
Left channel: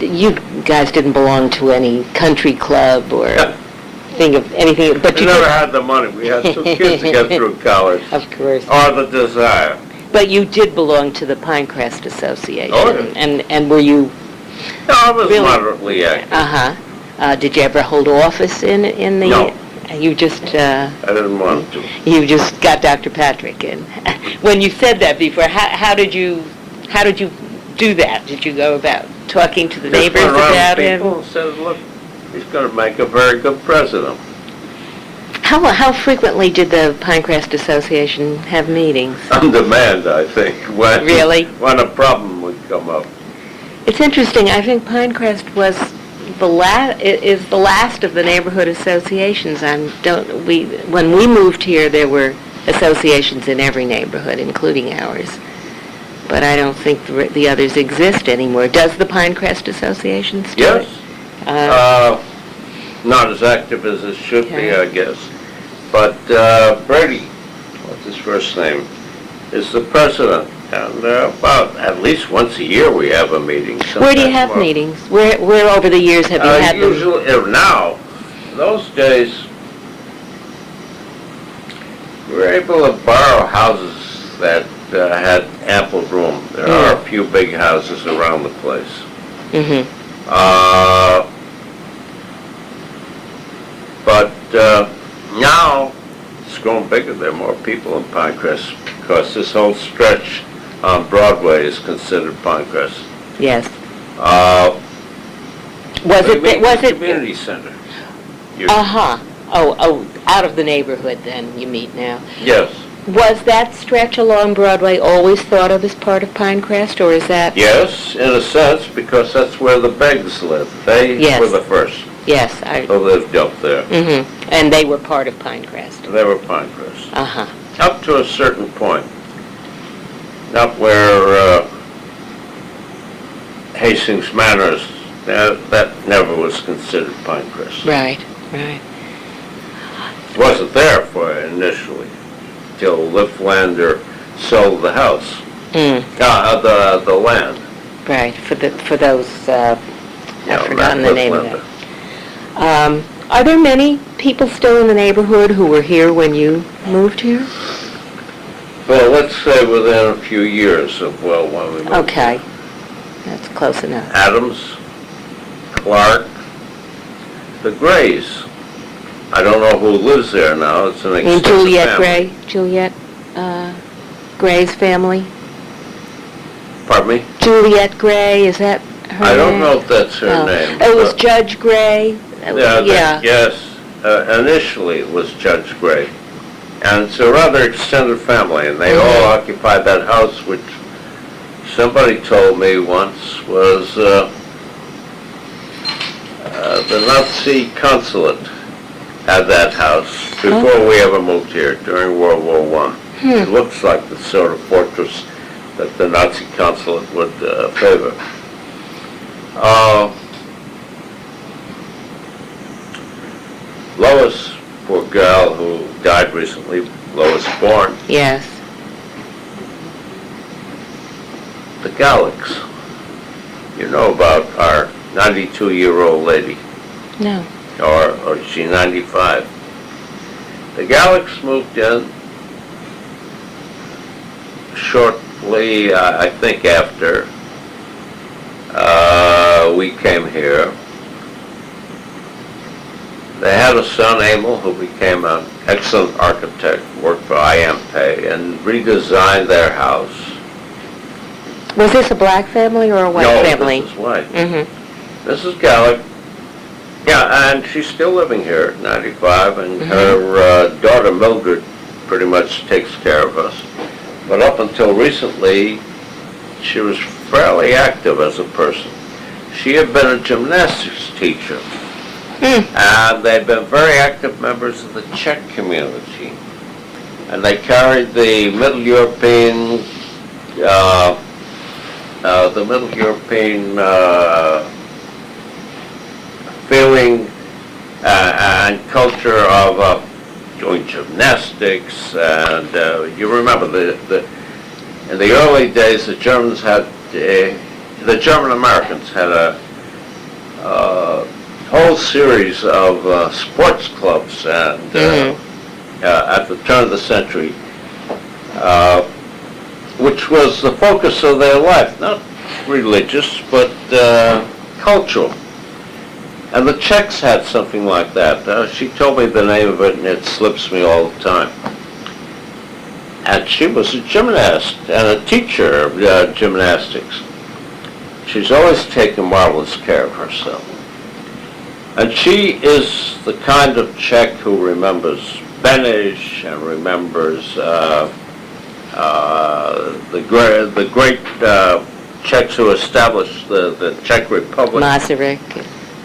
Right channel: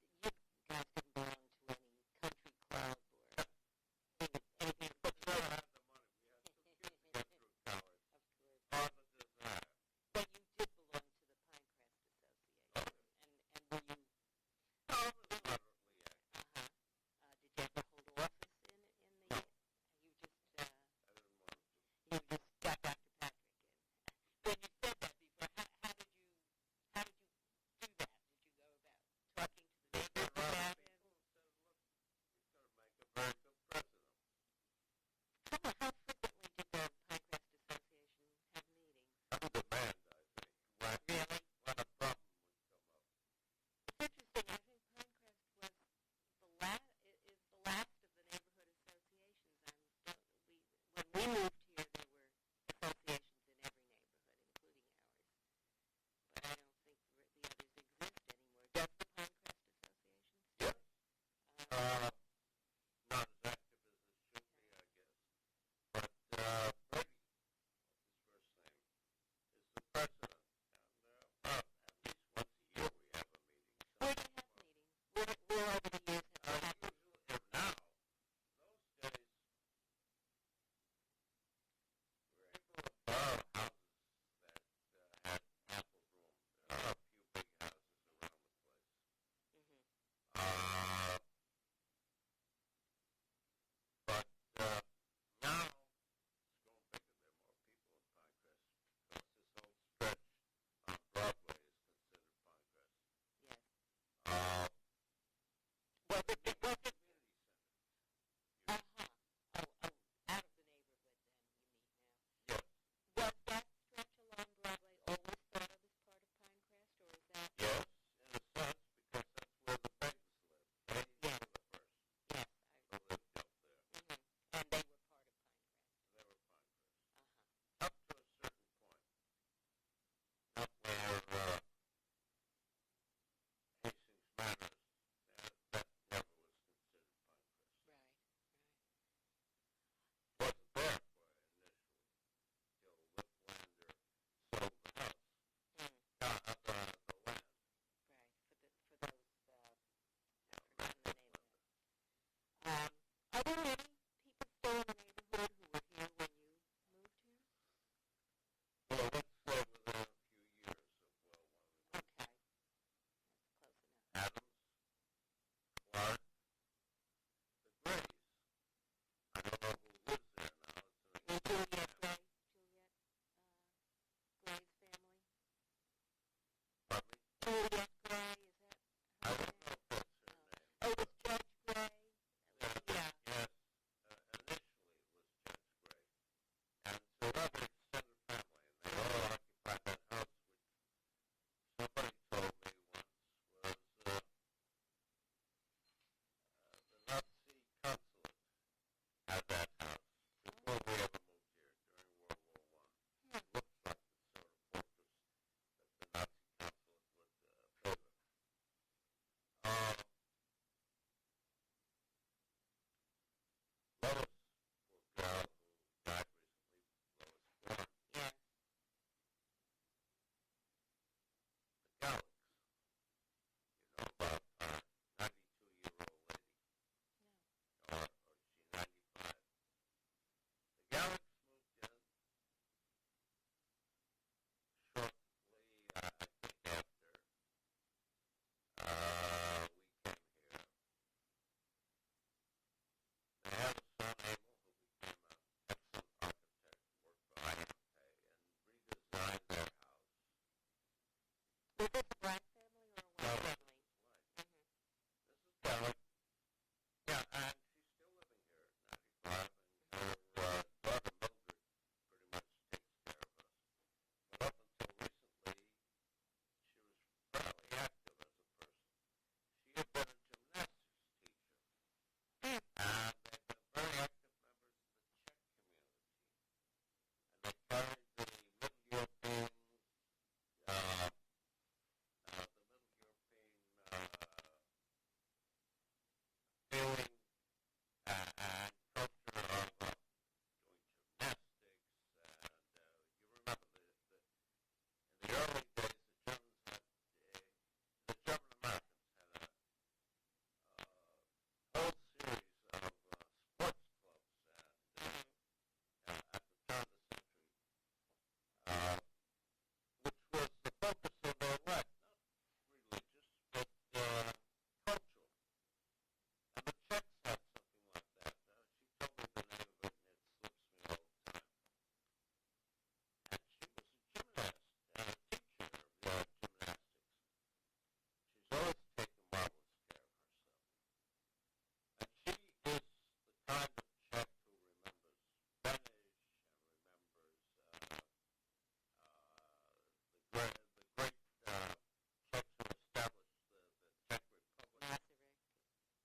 You guys didn't belong to any country club or think of anything, but we never had the money. We had 2 kids to get through college. Of course. Or the desire. But you did belong to the Pinecrest Association. Oh, yeah. And were you... No, I was moderately active. Uh-huh. Did you ever hold office in the... No. You just... I didn't want to. You just got Dr. Patrick in. When you said that before, how did you do that? Did you go about talking to the neighbors about him? People said, look, he's going to make a very good president. How frequently did the Pinecrest Association have meetings? On demand, I think. Really? When a problem would come up. It's interesting. I think Pinecrest was is the last of the neighborhood associations. When we moved here, there were associations in every neighborhood, including ours. But I don't think the others exist anymore. Does the Pinecrest Association still? Yes. Not as active as it should be, I guess. But Brady, what's his first name, is the president. And about at least once a year we have a meeting. Where do you have meetings? Where over the years have you had them? Usually, now, those days, we were able to borrow houses that had ample room. There are a few big houses around the place. Mm-hmm. But now, it's grown bigger. There are more people in Pinecrest. because this whole stretch on Broadway is considered Pinecrest. Yes. Was Was it? Community center. Uh-huh. Oh, out of the neighborhood then, you meet now. Yes. Was that stretch along Broadway always thought of as part of Pinecrest, or is that? Yes, in a sense, because that's where the Beggs lived. They were the first Yes, who lived up there. Mm-hmm. And they were part of Pinecrest. They were Pinecrest. Uh-huh. Up to a certain point. Up where Hastings Manor is, that never was considered Pinecrest. Right, right. It wasn't there for initially, till Lifflander sold the house, the land. Right, for those, I've forgotten the name of it. Are there many people still in the neighborhood who were here when you moved here? Well, let's say within a few years of, when we moved. Okay, that's close enough. Adams, Clark, the Grays. I don't know who lives there now. It's an extensive Juliet family. Gray, Juliet Gray's family? Pardon me? Juliet Gray, is that her name? I don't know if that's her No. name. It was Judge Gray? Yes. Initially it was Judge Gray. And it's a rather extended family, and they all occupied that house, which somebody told me once was the Nazi consulate had that house before we ever moved here, during World War I. It looks like the sort of fortress that the Nazi consulate would favor. Lois, poor girl who died recently, Lois Bourne, Yes. the Gallicks. You know about our 92-year-old lady, No. or is she 95? The Gallicks moved in shortly, I think after we came here. They had a son, Emil, who became an excellent architect, worked for IMP, and redesigned their house. Was this a black family or a white family? No, this is white. Mm-hmm. Mrs. Gallick, yeah, and she's still living here at 95, and her daughter Mildred pretty much takes care of us. But up until recently, she was fairly active as a person. She had been a gymnastics teacher, and they'd been very active members of the Czech community. And they carried the Middle European feeling and culture of doing gymnastics, and you remember in the early days the German Americans had a whole series of sports clubs, and at the turn of the century, which was the focus of their life, not religious, but cultural. And the Czechs had something like that. She told me the name of it, and it slips me all the time. And she was a gymnast and a teacher of gymnastics. She's always taken marvelous care of herself. And she is the kind of Czech who remembers Beneš and remembers the great Czechs who established the Czech Republic. Masaryk.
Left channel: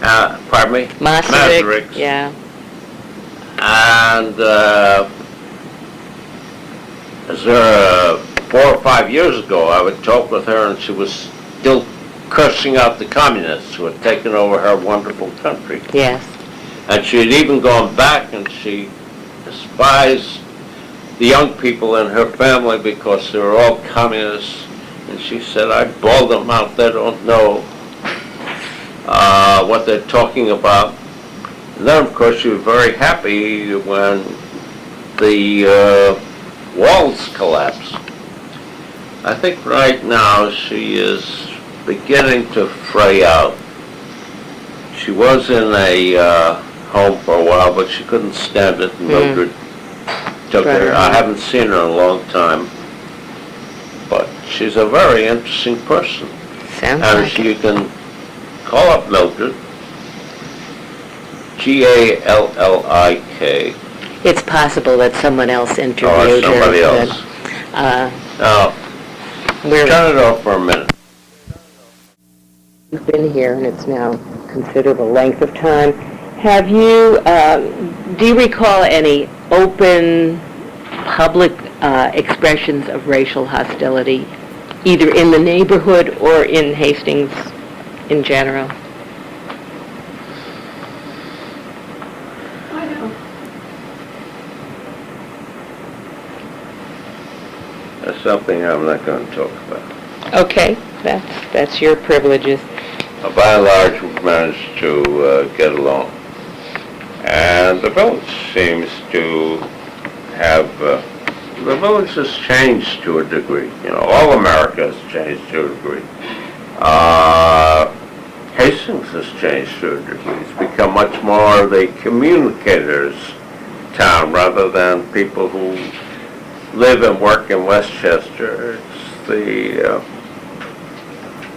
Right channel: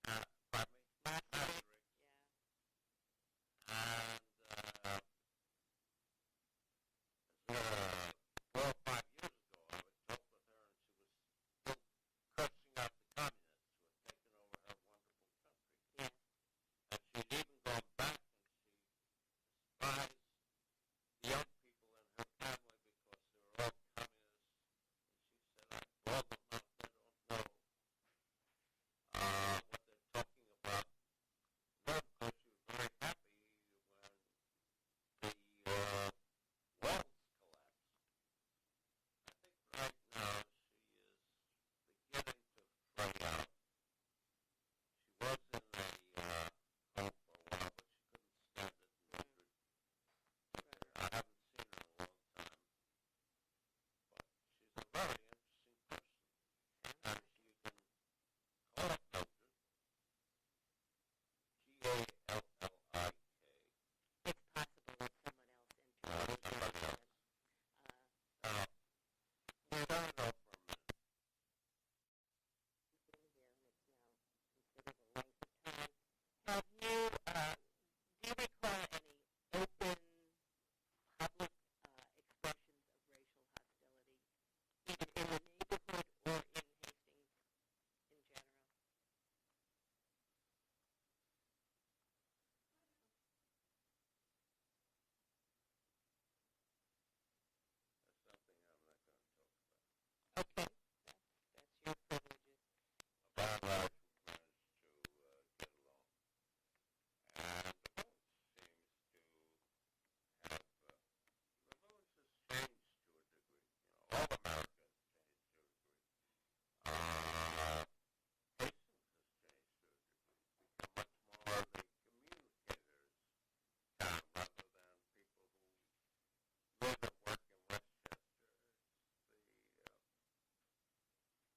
Pardon me? Masaryk. Yeah. And as 4 or 5 years ago, I would talk with her, and she was still cursing out the communists who had taken over her wonderful country. Yes. And she had even gone back, and she despised the young people in her family because they were all communists. And she said, I bawled them out. They don't know what they're talking about. And then, of course, she was very happy when the walls collapsed. I think right now she is beginning to fray out. She was in a home for a while, but she couldn't stand it, and Mildred took her. I haven't seen her in a long time. she's a very interesting person. Sounds And like you can call up Mildred, Gallik. it's possible that someone else interviewed her. Somebody but, else. Uh, Now, we're, turn it off for a minute. You've been here, and it's now considerable length of time. Have you, do you recall any open, public expressions of racial hostility, either in the neighborhood or in Hastings in general? I know. That's something I'm not going to talk about. Okay, that's your privileges. By and large, we've managed to get along. And the village seems to have, the village has changed to a degree. You know, all America has changed to a degree. Hastings has changed to a degree. It's become much more the communicators' town rather than people who live and work in Westchester. It's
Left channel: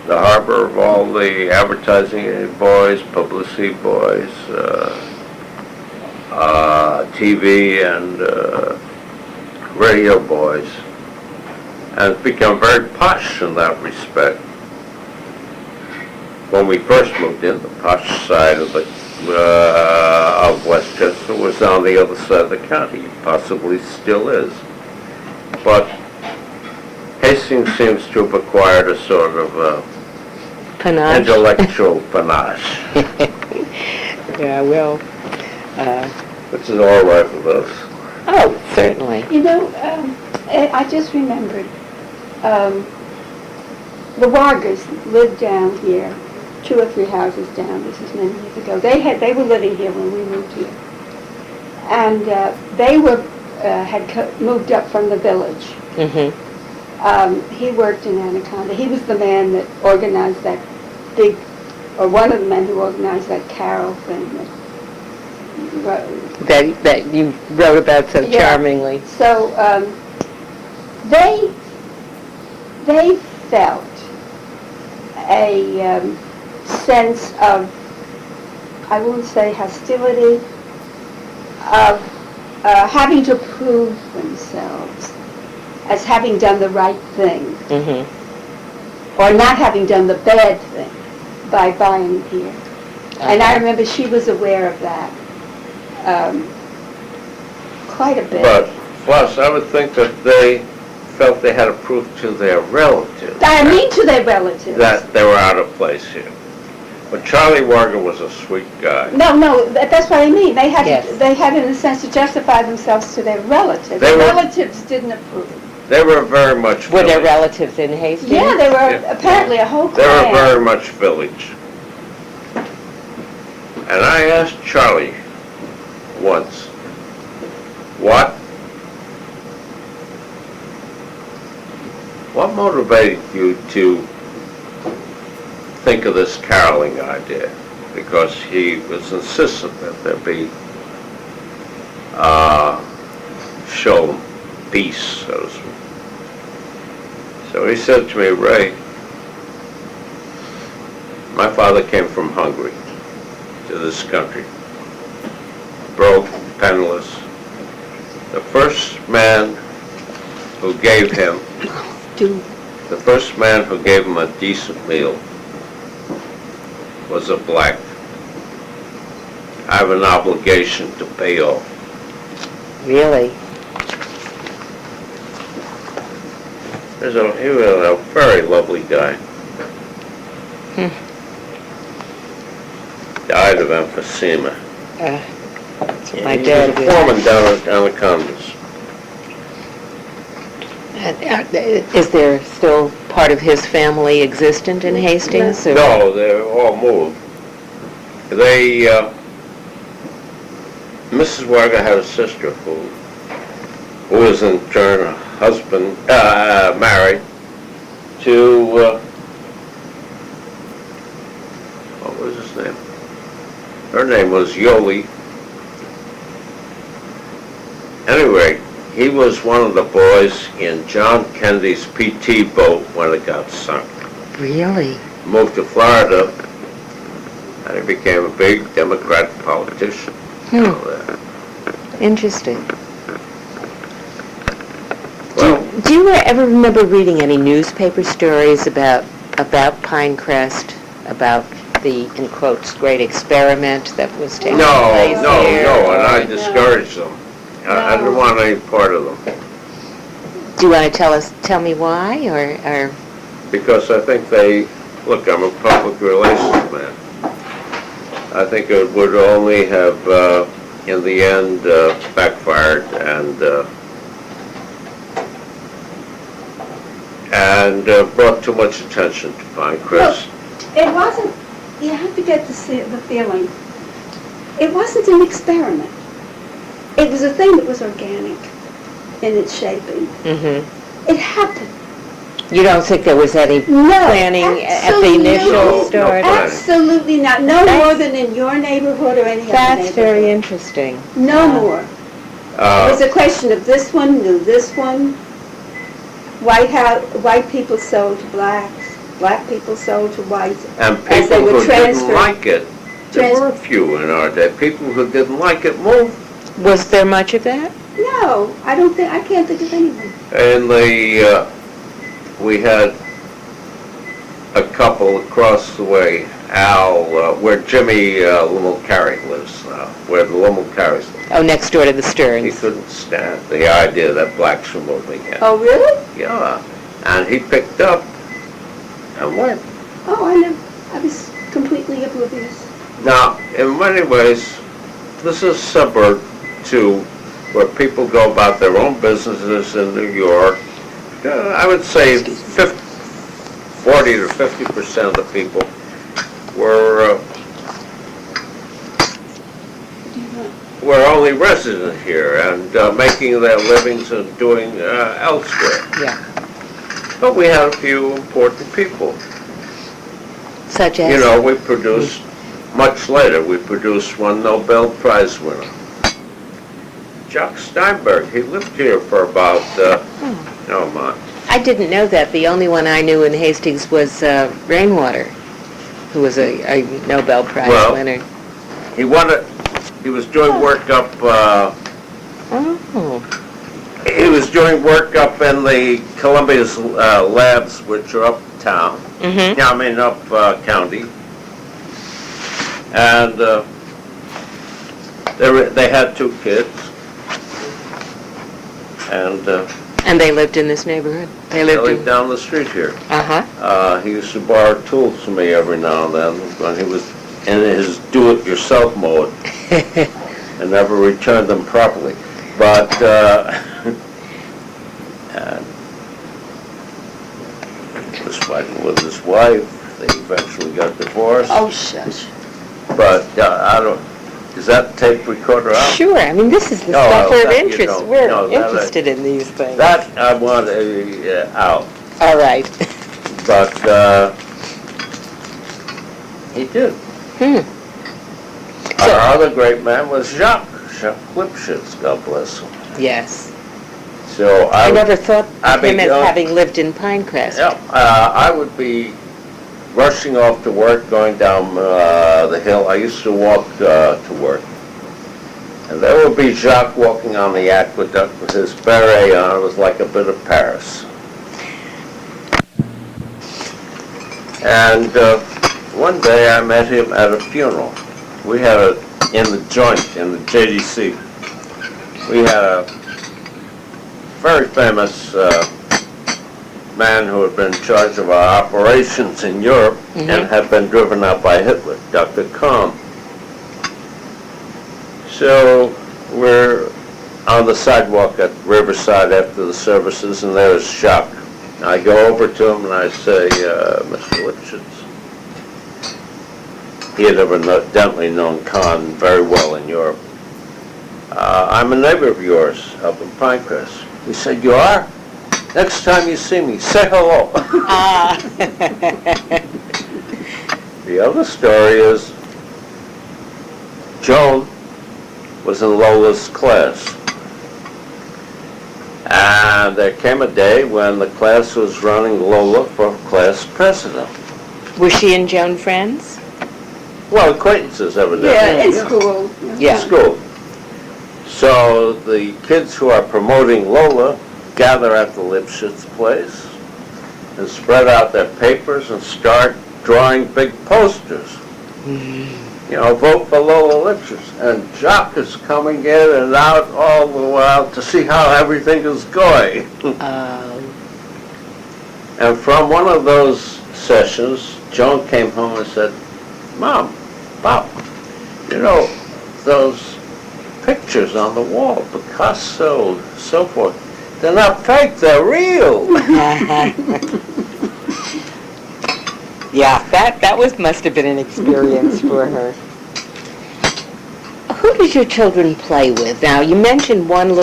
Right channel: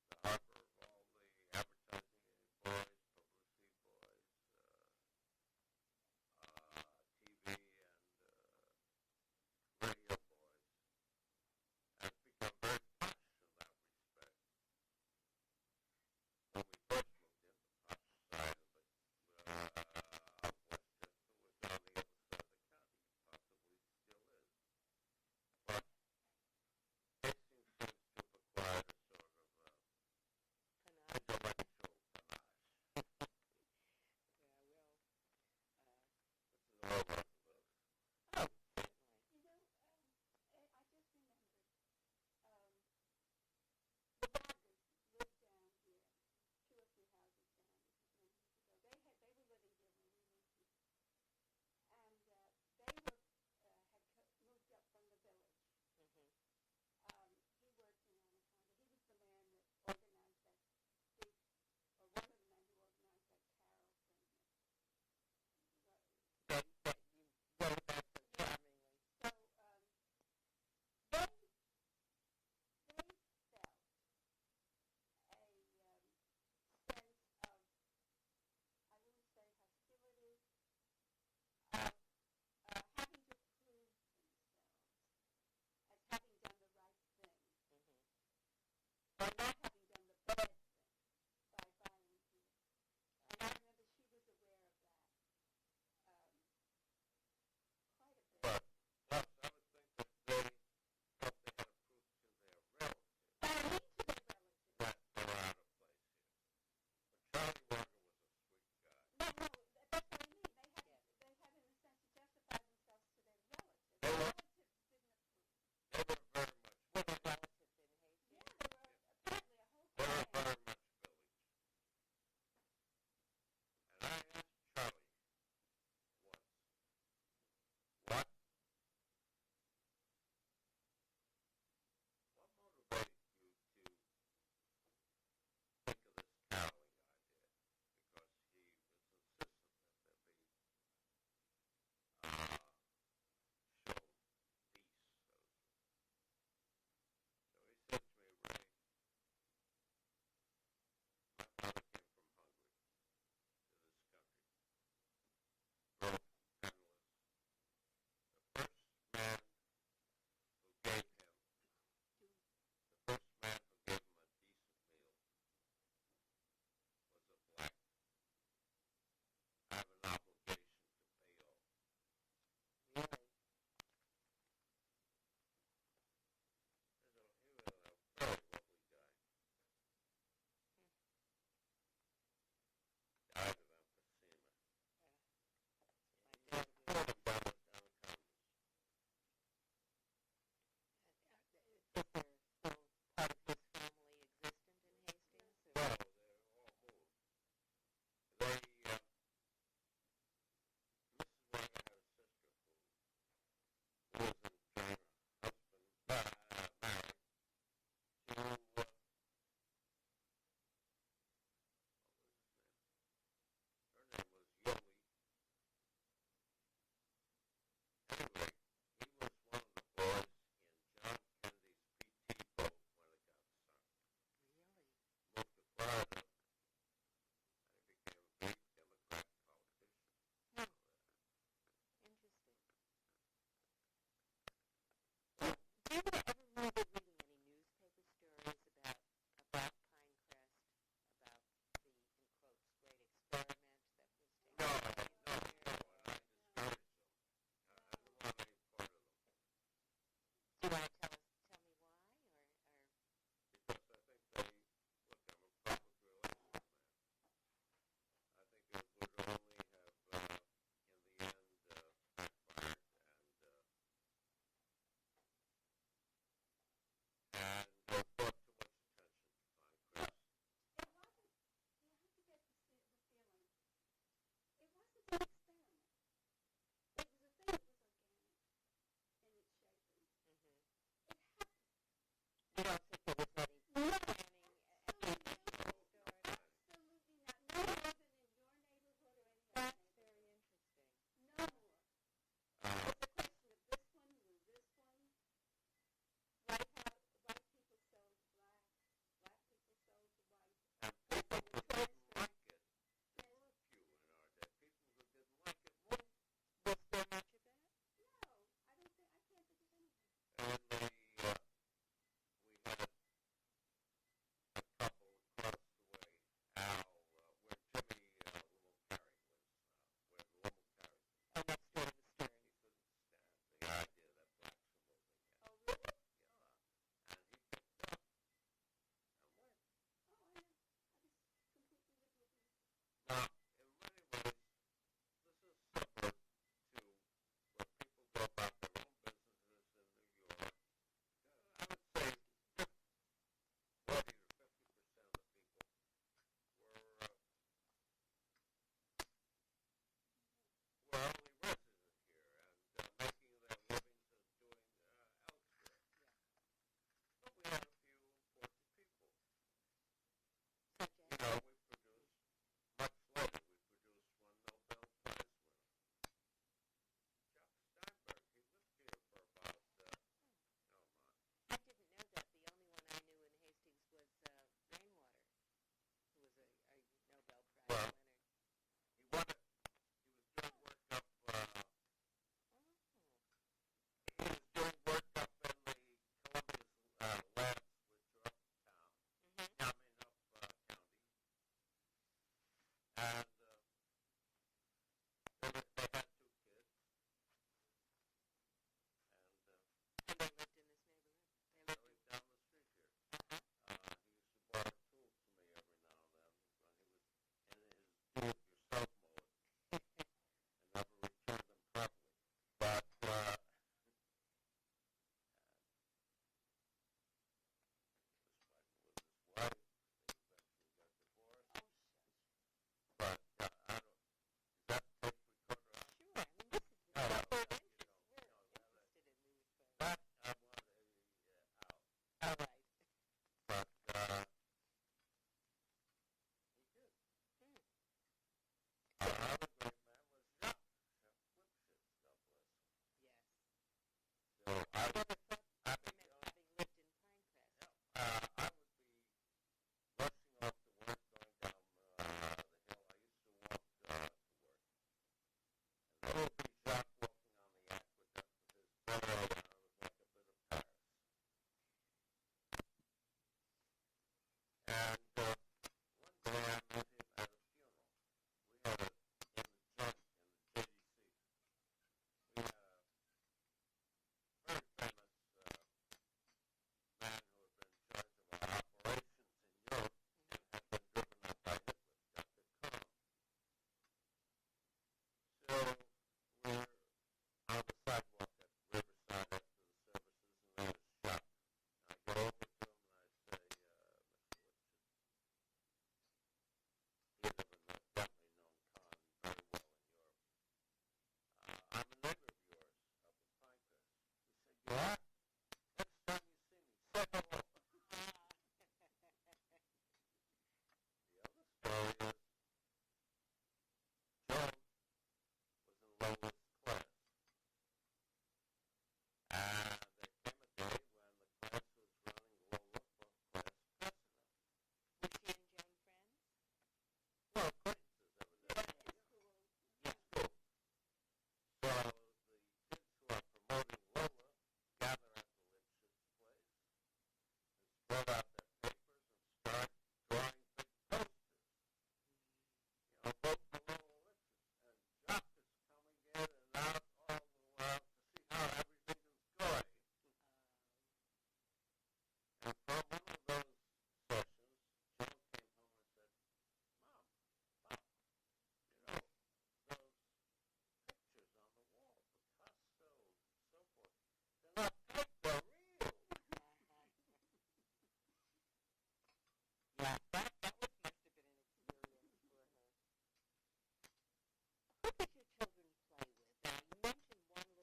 the harbor of all the advertising boys, publicity boys, TV and radio boys, and it's become very posh in that respect. When we first moved in, the posh side of Westchester was on the other side of the county, possibly still is. But Hastings seems to have acquired a sort of Panache? intellectual panache, Yeah, well, which is all right with us. oh, certainly. You know, I just remembered, the Wargers lived down here, 2 or 3 houses down. This is many years ago. They were living here when we moved here, and they had moved up from the village. Mm-hmm. He worked in Anaconda. He was the man that organized that big, or one of the men who organized that carol thing. That you wrote about so Yeah. charmingly. So they felt a sense of, I won't say hostility, of having to prove themselves as having done the right thing, Mm-hmm. or not having done the bad thing by buying here. And I remember she was aware of that quite a bit. But plus, I would think that they felt they had to prove to their relatives I mean to their relatives. that they were out of place here. But Charlie Warger was a sweet guy. No, that's what I mean. They had, Yes. they had in a sense to justify themselves to their relatives. They The were- relatives didn't approve. They were very much Were there village. relatives in Hastings? Yeah, they were Yeah. apparently a whole They were clan. very much village. And I asked Charlie once, what motivated you to think of this caroling idea? Because he was insistent that there be shown peace, so to speak. So he said to me, Ray, my father came from Hungary to this country, broke, penniless. The first man who gave him a decent meal was a black. I have an obligation to pay off. Really? He was a very lovely guy. Died of emphysema. That's what my He was dad a did. foreman down at Anacondas. Is there still part of his family existent in Hastings? or- No, they're all moved. Mrs. Warger had a sister who was in turn a husband, married to, what was his name? Her name was Yoli. Anyway, he was one of the boys in John Kennedy's PT boat when it got sunk. Really? Moved to Florida, and he became a big Democrat politician. Hmm. Interesting. Well, Do you ever remember reading any newspaper stories about Pinecrest, about the, in quotes, great experiment that was taking place no, here? and I or- discouraged them. I didn't want any part of them, Do you want to tell me why, or because I think look, I'm a public relations man. I think it would only have, in the end, backfired and brought too much attention to Pinecrest. It wasn't, you have to get the feeling, it wasn't an experiment. It was a thing that was organic in its shaping. Mm-hmm. It happened. You don't think there was any No, planning at the initial No, start? no. Absolutely not. No That's- more than in your neighborhood or any other That's neighborhood. very interesting. No more. It was Uh, a question of this one knew this one. White people sold to blacks. Black people sold to whites. and as they people were who didn't transferred- like it, there were a few in our day. People who didn't like it moved. Was there much of that? No, I can't think of anyone. And we had a couple across the way, Al, where Jimmy Limel-Carey lives now, where the Limel-Careys live. Oh, next door to the He Stearns. couldn't stand the idea that blacks were moving in. Oh, really? Yeah, and he picked up and went. Oh, I was completely oblivious. Now, in many ways, this is suburb to where people go about their own businesses in New York. I would say 40 to 50% of the people were only resident here and making their livings and doing elsewhere. Yeah. But we had a few important people. Such as? You know, we produced, much later, we produced one Nobel Prize winner. Jacques Steinberg, he lived here for about, oh my, I didn't know that. The only one I knew in Hastings was Rainwater, who was a Nobel Prize Well, winner. he won it, he was doing work up, Oh. he was doing work up in the Columbia's labs, which are uptown, Mm-hmm. I mean up county. And they had 2 kids. And And they lived in this neighborhood? They they lived lived in... down the street here. Uh-huh. He used to borrow tools from me every now and then when he was in his do-it-yourself mode and never returned them properly. But and he was fighting with his wife. They eventually got divorced. Oh, shush. But I don't. Is that tape recorder out? Sure. I mean, this is the No, stuff we're that you interested. don't. We're No, that I- interested in these things. That I want out. All right. But he did. So, Our other great man was Jacques Lipschitz, God bless him. yes. So I never thought I of him mean, as having lived in Pinecrest. Yeah, I would be rushing off to work, going down the hill. I used to walk to work. And there would be Jacques walking on the aqueduct with his beret on. It was like a bit of Paris. And one day I met him at a funeral. We had in the joint, in the JDC, we had a very famous man who had been in charge of our operations in Europe and had been driven out by Hitler, Dr. Kahn. So we're on the sidewalk at Riverside after the services, and there's Jacques. I go over to him and I say, Mr. Lipschitz. He had evidently known Kahn very well in Europe. I'm a neighbor of yours up in Pinecrest. He said, you are? Next time you see me, say hello. Ah. The other story is Joan was in Lola's class. And there came a day when the class was running Lola for class president. Was she and Joan friends? Well, acquaintances evidently. Yeah, in school. Yeah. School. So the kids who are promoting Lola gather at the Lipschitz place and spread out their papers and start drawing big posters. You know, vote for Lola Lipschitz. And Jock is coming in and out all the while to see how everything is going. And from one of those sessions, Joan came home and said, Mom, Pop, you know, those pictures on the wall, Picasso, so forth, they're not fake, they're real. Yeah, that must have been an experience for her. Who did your children play with? Now, you mentioned one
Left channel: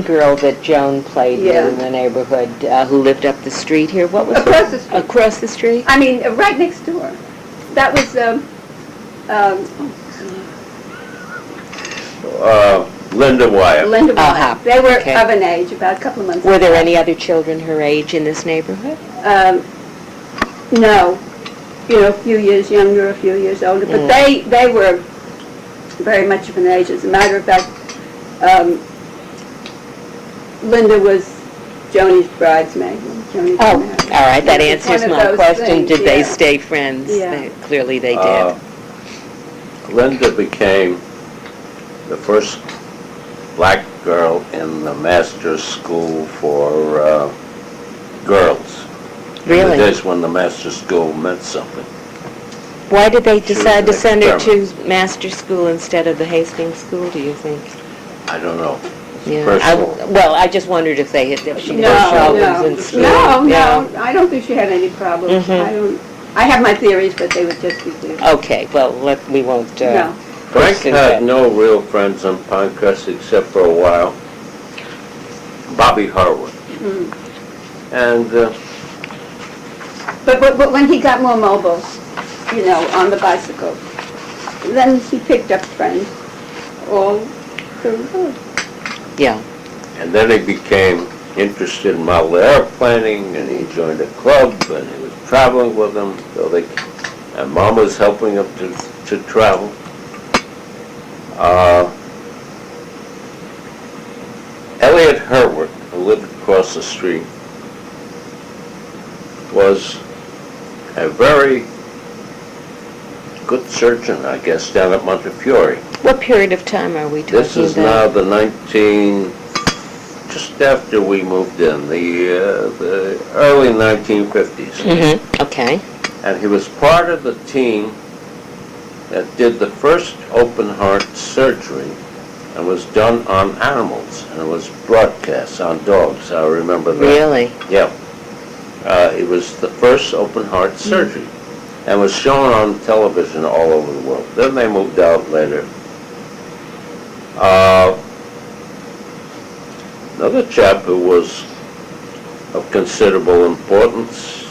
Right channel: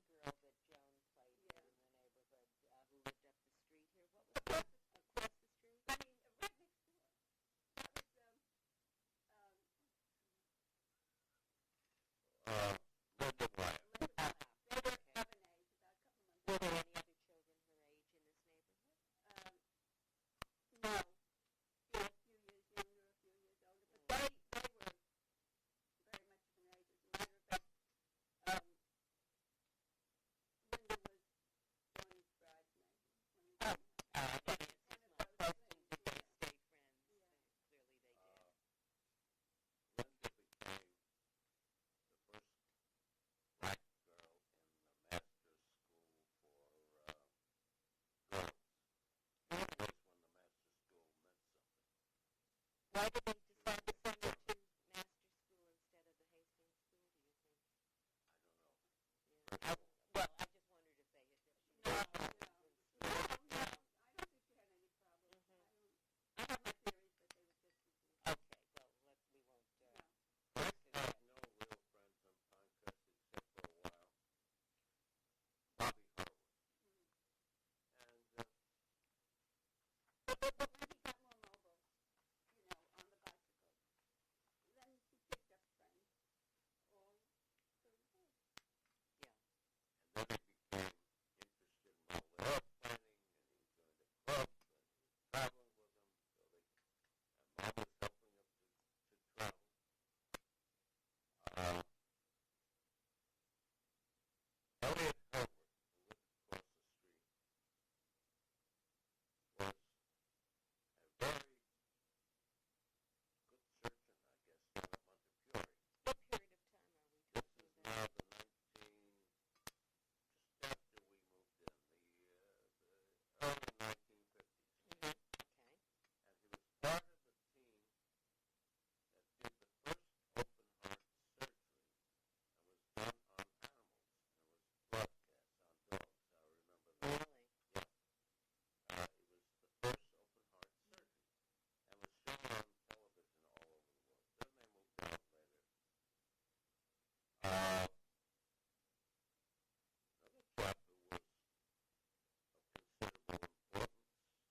girl that Joan played Yeah. with in the neighborhood who lived up the street here. What was Across the street. Across the street? I mean, right next door. That was, Linda Wyatt. Linda Wyatt. Uh-huh. They were Okay. of an age, about a couple of months. Were there apart. any other children her age in this neighborhood? No. You know, a few years younger, a few years older. But they were very much of an age. As a matter of fact, Linda was Joni's bridesmaid. when Joni got Oh, married. all right, that It was answers one of my those question. things, Did they yeah. stay friends? Yeah. Clearly they did. Linda became the first black girl in the master's school for girls. In the Really? days when the master's school meant something. Why did they She was decide to an send her to experiment. master school instead of the Hastings school, do you think? I don't know. Yeah. Personal. I just wondered if she No, had problems in school. no, Yeah. I don't think she had any problems. Mhm. I have my theories, but they would just be theories. Okay, well, we won't... No. Frank pursue had that. no real friends on Pinecrest except for a while. Bobby Harwood. Mm. And But when he got more mobile, you know, on the bicycle, then he picked up friends all through the road. Yeah. and then he became interested in model airplaning, and he joined a club, and he was traveling with them. And Mom was helping him to travel. Elliot Herwick, who lived across the street, was a very good surgeon, I guess, down at Montefiore. What period of time are we talking about? This is now just after we moved in, the early 1950s. Mm-hmm. Okay. And he was part of the team that did the first open heart surgery and was done on animals, and it was broadcast on dogs. I remember that. Really? Yeah. It was the first open heart surgery and was shown on television all over the world. Then they moved out later. Another chap who was of considerable importance,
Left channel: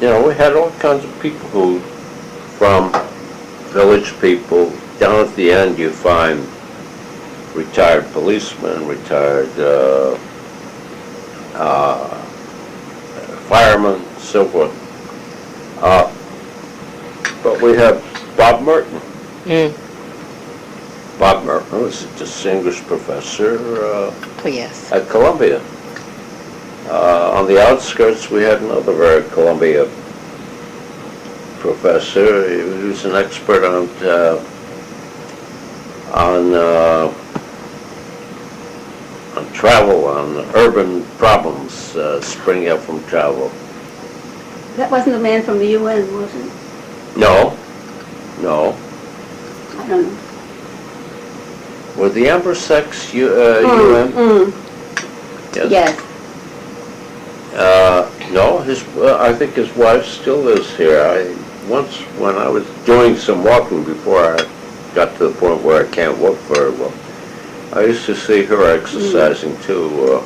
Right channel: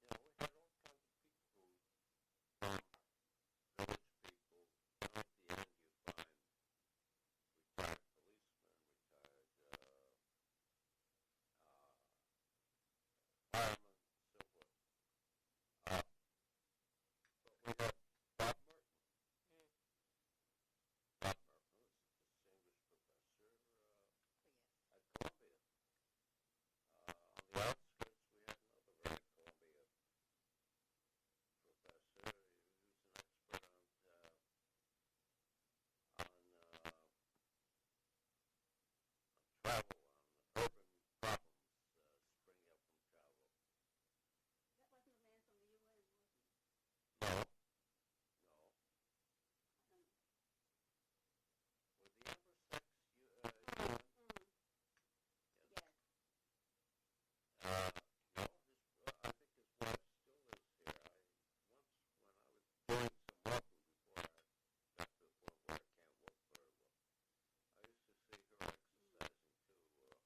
you know, we had all kinds of people who, from village people, down at the end you find retired policemen, retired firemen, so forth. But we have Bob Merton. Mm. Bob Merton was a distinguished professor Oh, yes. at Columbia. On the outskirts, we had another very Columbia professor. He was an expert on travel, on urban problems springing up from travel. That wasn't the man from the UN, was it? No. I don't know. Were the Ambersex UN? Yes. No, I think his wife still lives here. Once, when I was doing some walking before I got to the point where I can't walk very well, I used to see her exercising too.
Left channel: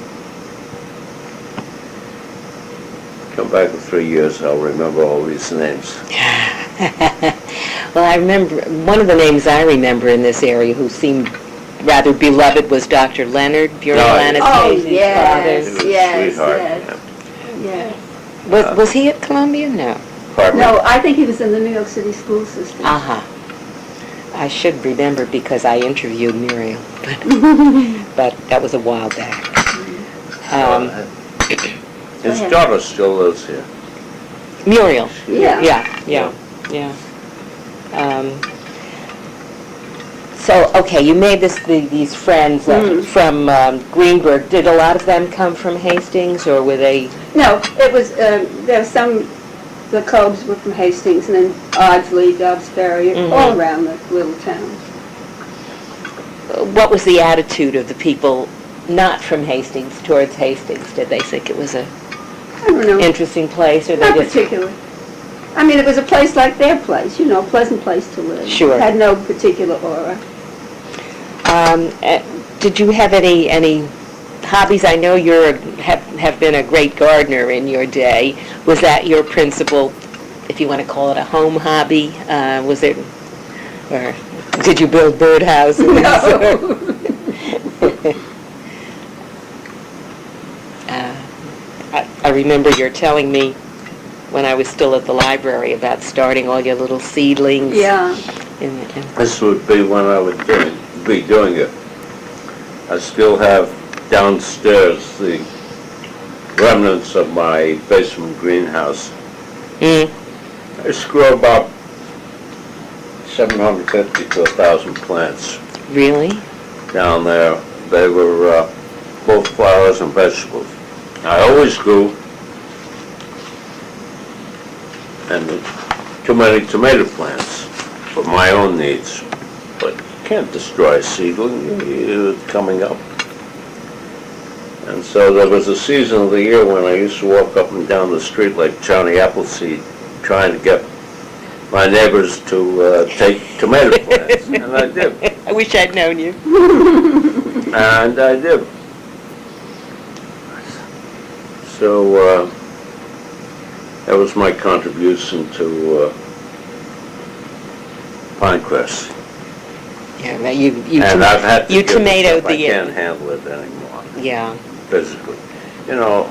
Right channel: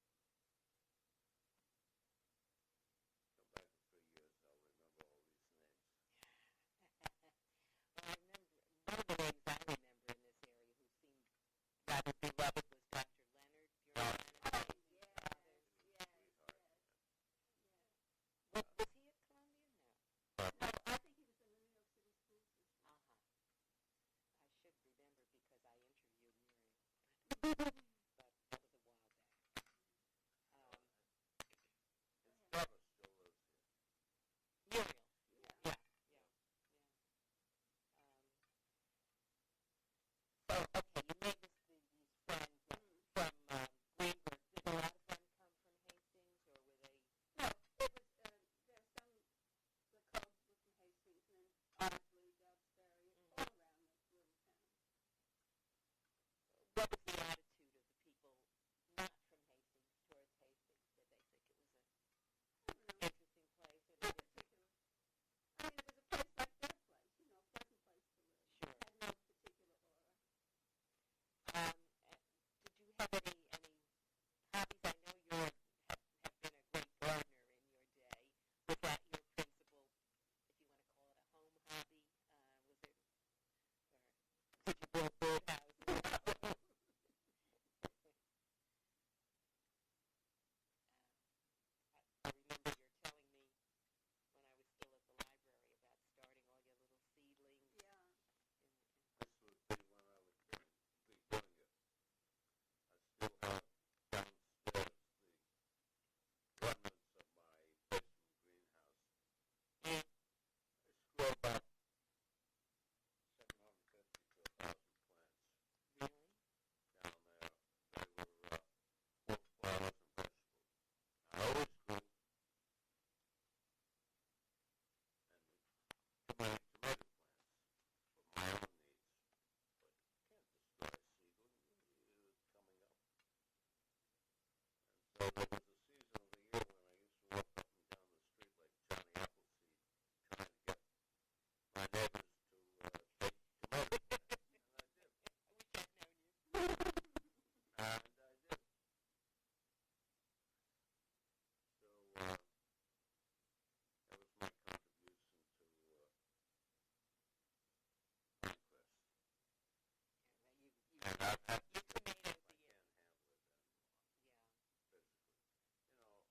Come back in 3 years, I'll remember all these names. Well, I remember, one of the names I remember in this area who seemed rather beloved was Dr. Leonard, Muriel No, Anastasia's Oh, yes. He was a Yes, sweetheart. yes. Yeah. father. Was he at Columbia? No. Pardon me? No, I think he was in the New York City school system. Uh-huh. I should remember because I interviewed Muriel, but that was a while back. His ahead. daughter still lives here. Muriel. Yeah. Yeah. So, okay, you made these friends from Greenberg. Did a lot of them come from Hastings, or were they? No, it was, there were some, the Cobes were from Hastings, and then Ardsley, Dobbs Ferry, all around the little town. What was the attitude of the people not from Hastings towards Hastings? Did they think it was a I don't know, interesting place, or they not just? particular. I mean, it was a place like their place, you know, a pleasant place to live. Sure. It had no particular aura. Did you have any hobbies? I know have been a great gardener in your day. Was that your principal, if you want to call it a home hobby? Was it, or did you build birdhouses? No. I remember you're telling me when I was still at the library about starting all your little seedlings. Yeah. This would be when I would be doing it. I still have downstairs the remnants of my basement greenhouse. I used to grow about 750 to 1,000 plants Really? down there. They were both flowers and vegetables. I always grew and too many tomato plants for my own needs. But you can't destroy a seedling, it's coming up. And so there was a season of the year when I used to walk up and down the street like Johnny Appleseed, trying to get my neighbors to take tomato plants, and I did. I wish I'd known you. And I did. So that was my contribution to Pinecrest. Yeah, well, you And I've had to you give it tomatoed up. I the can't handle it anymore, yeah. physically. You know,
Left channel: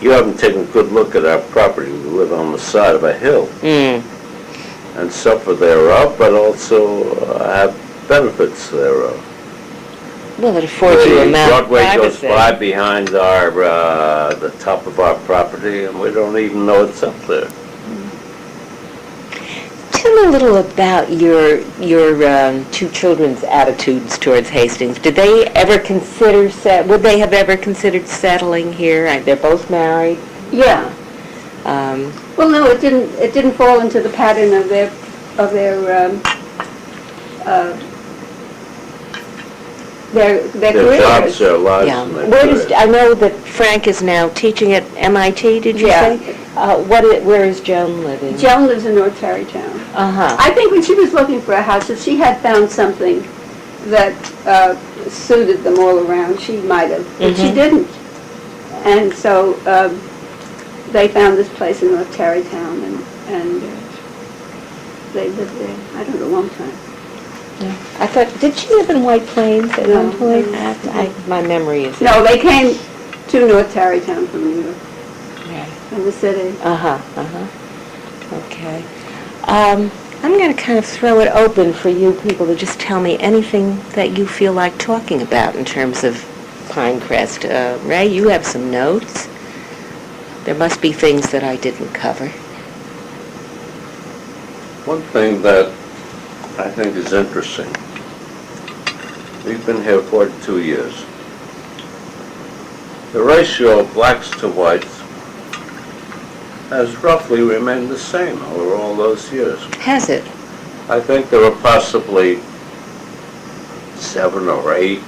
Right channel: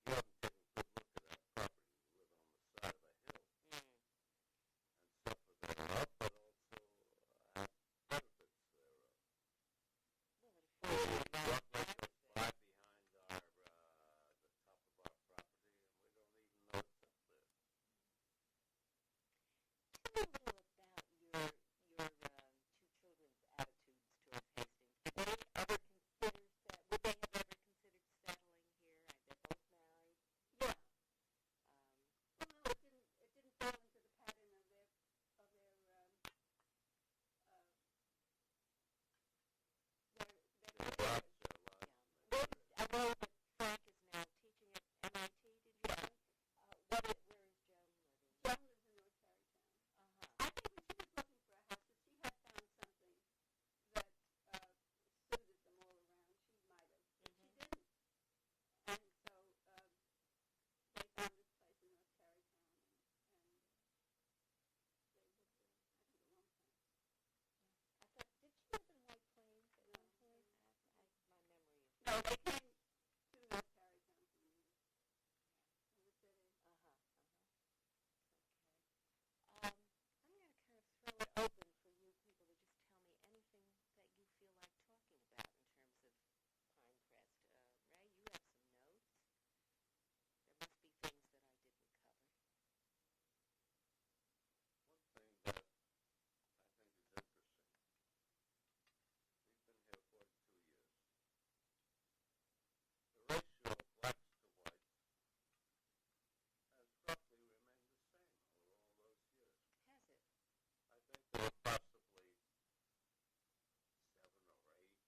you haven't taken a good look at our property. We live on the side of a hill and suffer thereof, but also have benefits thereof. Well, it affords you a The amount of Broadway goes privacy. by behind our, the top of our property, and we don't even know it's up there. Tell me a little about your two children's attitudes towards Hastings. Did they ever consider would they have ever considered settling here? They're both married. Yeah. Well, no, it didn't fall into the pattern of their Their careers. jobs, their lives, Yeah. and their Where does careers. I know that Frank is now teaching at MIT? Did you Yeah. say? Where is Joan living? Joan lives in North Tarrytown. Uh-huh. I think when she was looking for a house, if she had found something that suited them all around, she might have, but she didn't. And so they found this place in North Tarrytown, and they lived there, I don't know, a long time. I thought, did she live in White Plains at No. one point? My memory is... No, they came to North Tarrytown from New York, Yeah. from the city. Okay. I'm going to kind of throw it open for you people to just tell me anything that you feel like talking about in terms of Pinecrest. Ray, you have some notes. There must be things that I didn't cover. One thing that I think is interesting, we've been here 42 years. The ratio of blacks to whites has roughly remained the same over all those years. Has it? I think there were possibly 7 or 8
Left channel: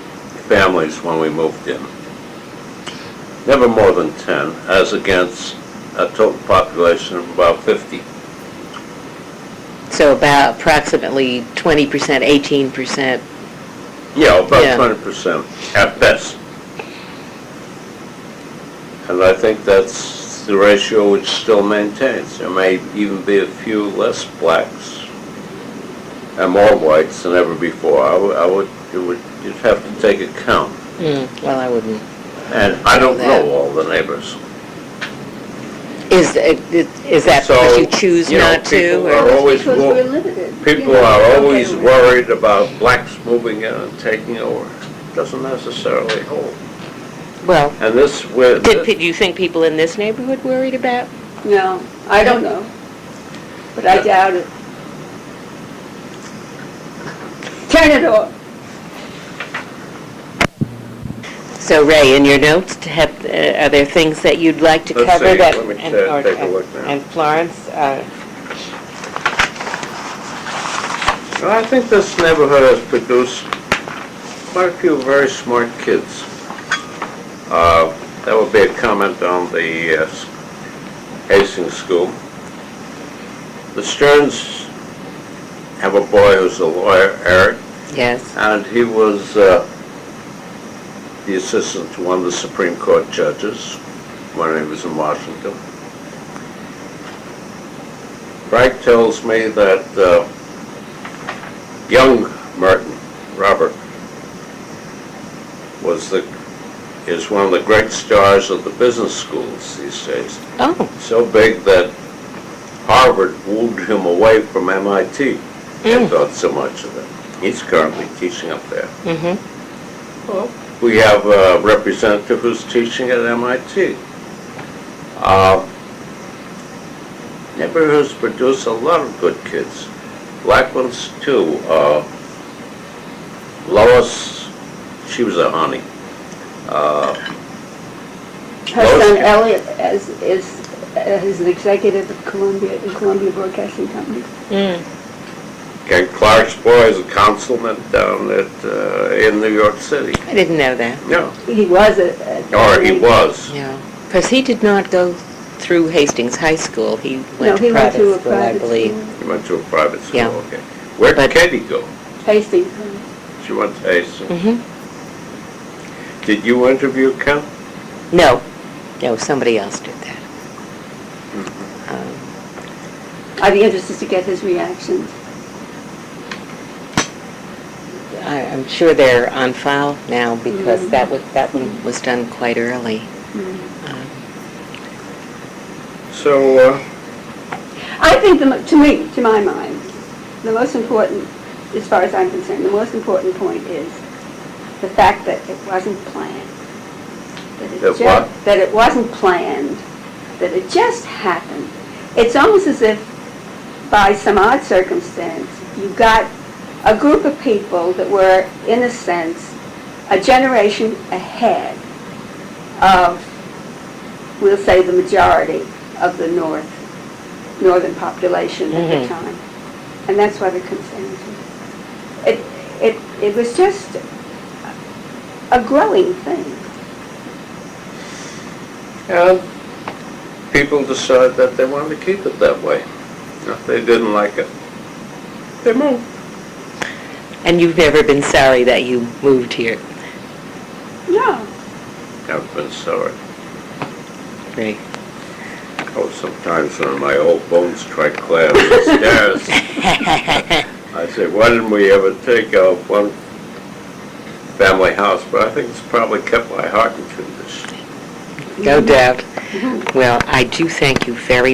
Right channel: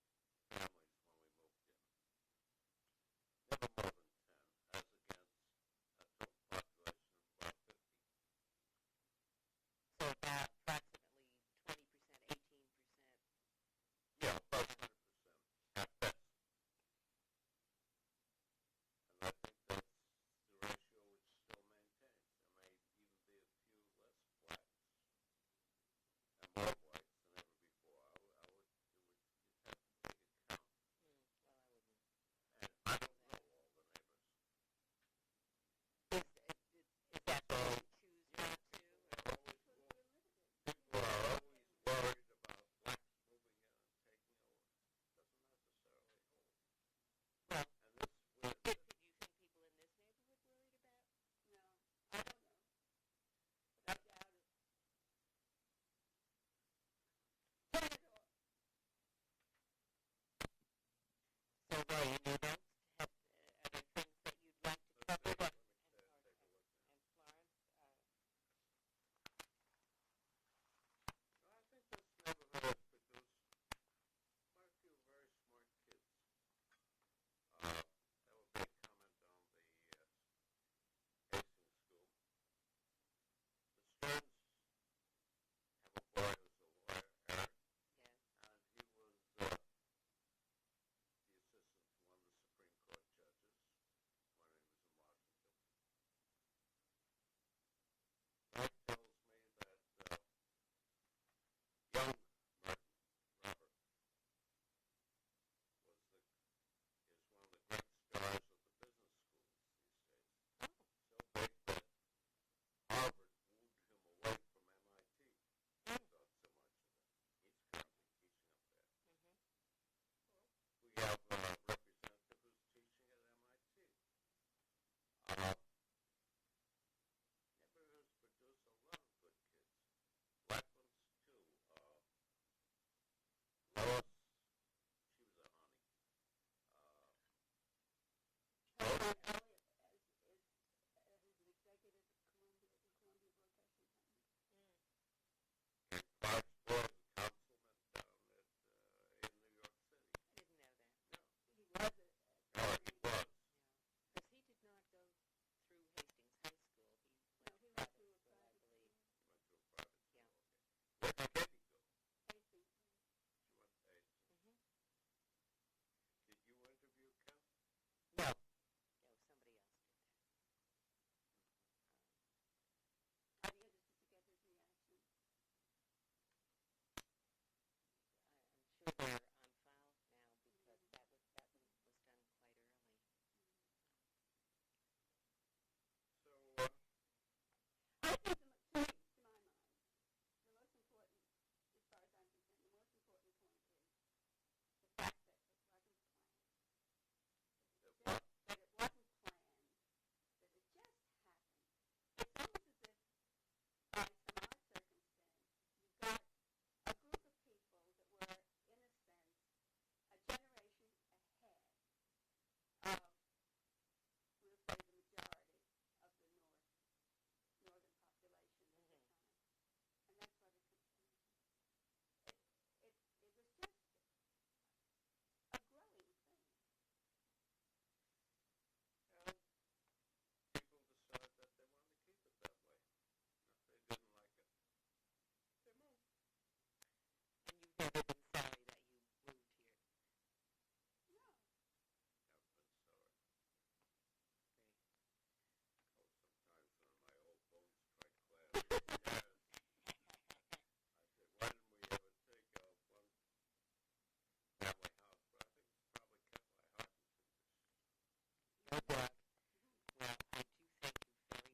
families when we moved in. Never more than 10, as against a total population of about 50. So about approximately 20%, 18%. Yeah, about Yeah. 20% at best. And I think that's the ratio which still maintains. There may even be a few less blacks and more whites than ever before. I would you'd have to take a count. Well, I wouldn't. And I don't that. know all the neighbors. Is that So, because you choose you know, not to? people or- are always Because wo- we're limited. People You know, are okay, always we're- worried about blacks moving in and taking over. Doesn't necessarily hold. Well, And this, with, do you think people in this neighborhood worried about? No, I don't know, but I doubt it. Turn it off. So Ray, in your notes, are there things that you'd like to Let's cover see, that? let me and- take a look now. And Florence, well, I think this neighborhood has produced quite a few very smart kids. That would be a comment on the Hastings School. The Stearns have a boy who's a lawyer, Eric, yes. and he was the assistant to one of the Supreme Court judges when he was in Washington. Frank tells me that young Merton, Robert, is one of the great stars of the business schools these days. Oh, So big that Harvard wooed him away from MIT. They thought so much of it. He's currently teaching up there. Well, we have a representative who's teaching at MIT. Neighborhoods produce a lot of good kids. Black ones too. Lois, she was a honey. Her son Elliot is an executive at Columbia Broadcasting Company. Ken Clark's boy is a councilman down in New York City. I didn't know that. No, He was or he was. No, because he did not go through Hastings High School. He went to he went private to a school, I private believe. school. He went to a private school. Yeah. Okay. Where did But- Katie go? Hastings. She went to Hastings. Mm-hmm. Did you interview Ken? No, somebody else did that. I'd be interested to get his reactions. I'm sure they're on file now because that one was done quite early. So, I think, to my mind, the most important, as far as I'm concerned, the most important point is the fact that it wasn't planned. That it wasn't planned, that it just happened. It's almost as if, by some odd circumstance, you got a group of people that were, in a sense, a generation ahead of, we'll say, the majority of the northern population at the time. And that's why the consensus. It was just a growing thing. and people decided that they wanted to keep it that way. If they didn't like it, they moved. And you've never been sorry that you moved here, No. I've been sorry. Ray? Oh, sometimes when my old bones try to climb the stairs, I say, why didn't we ever take out one family house? But I think it's probably kept my heart in tune this. No doubt. Well, I do thank you very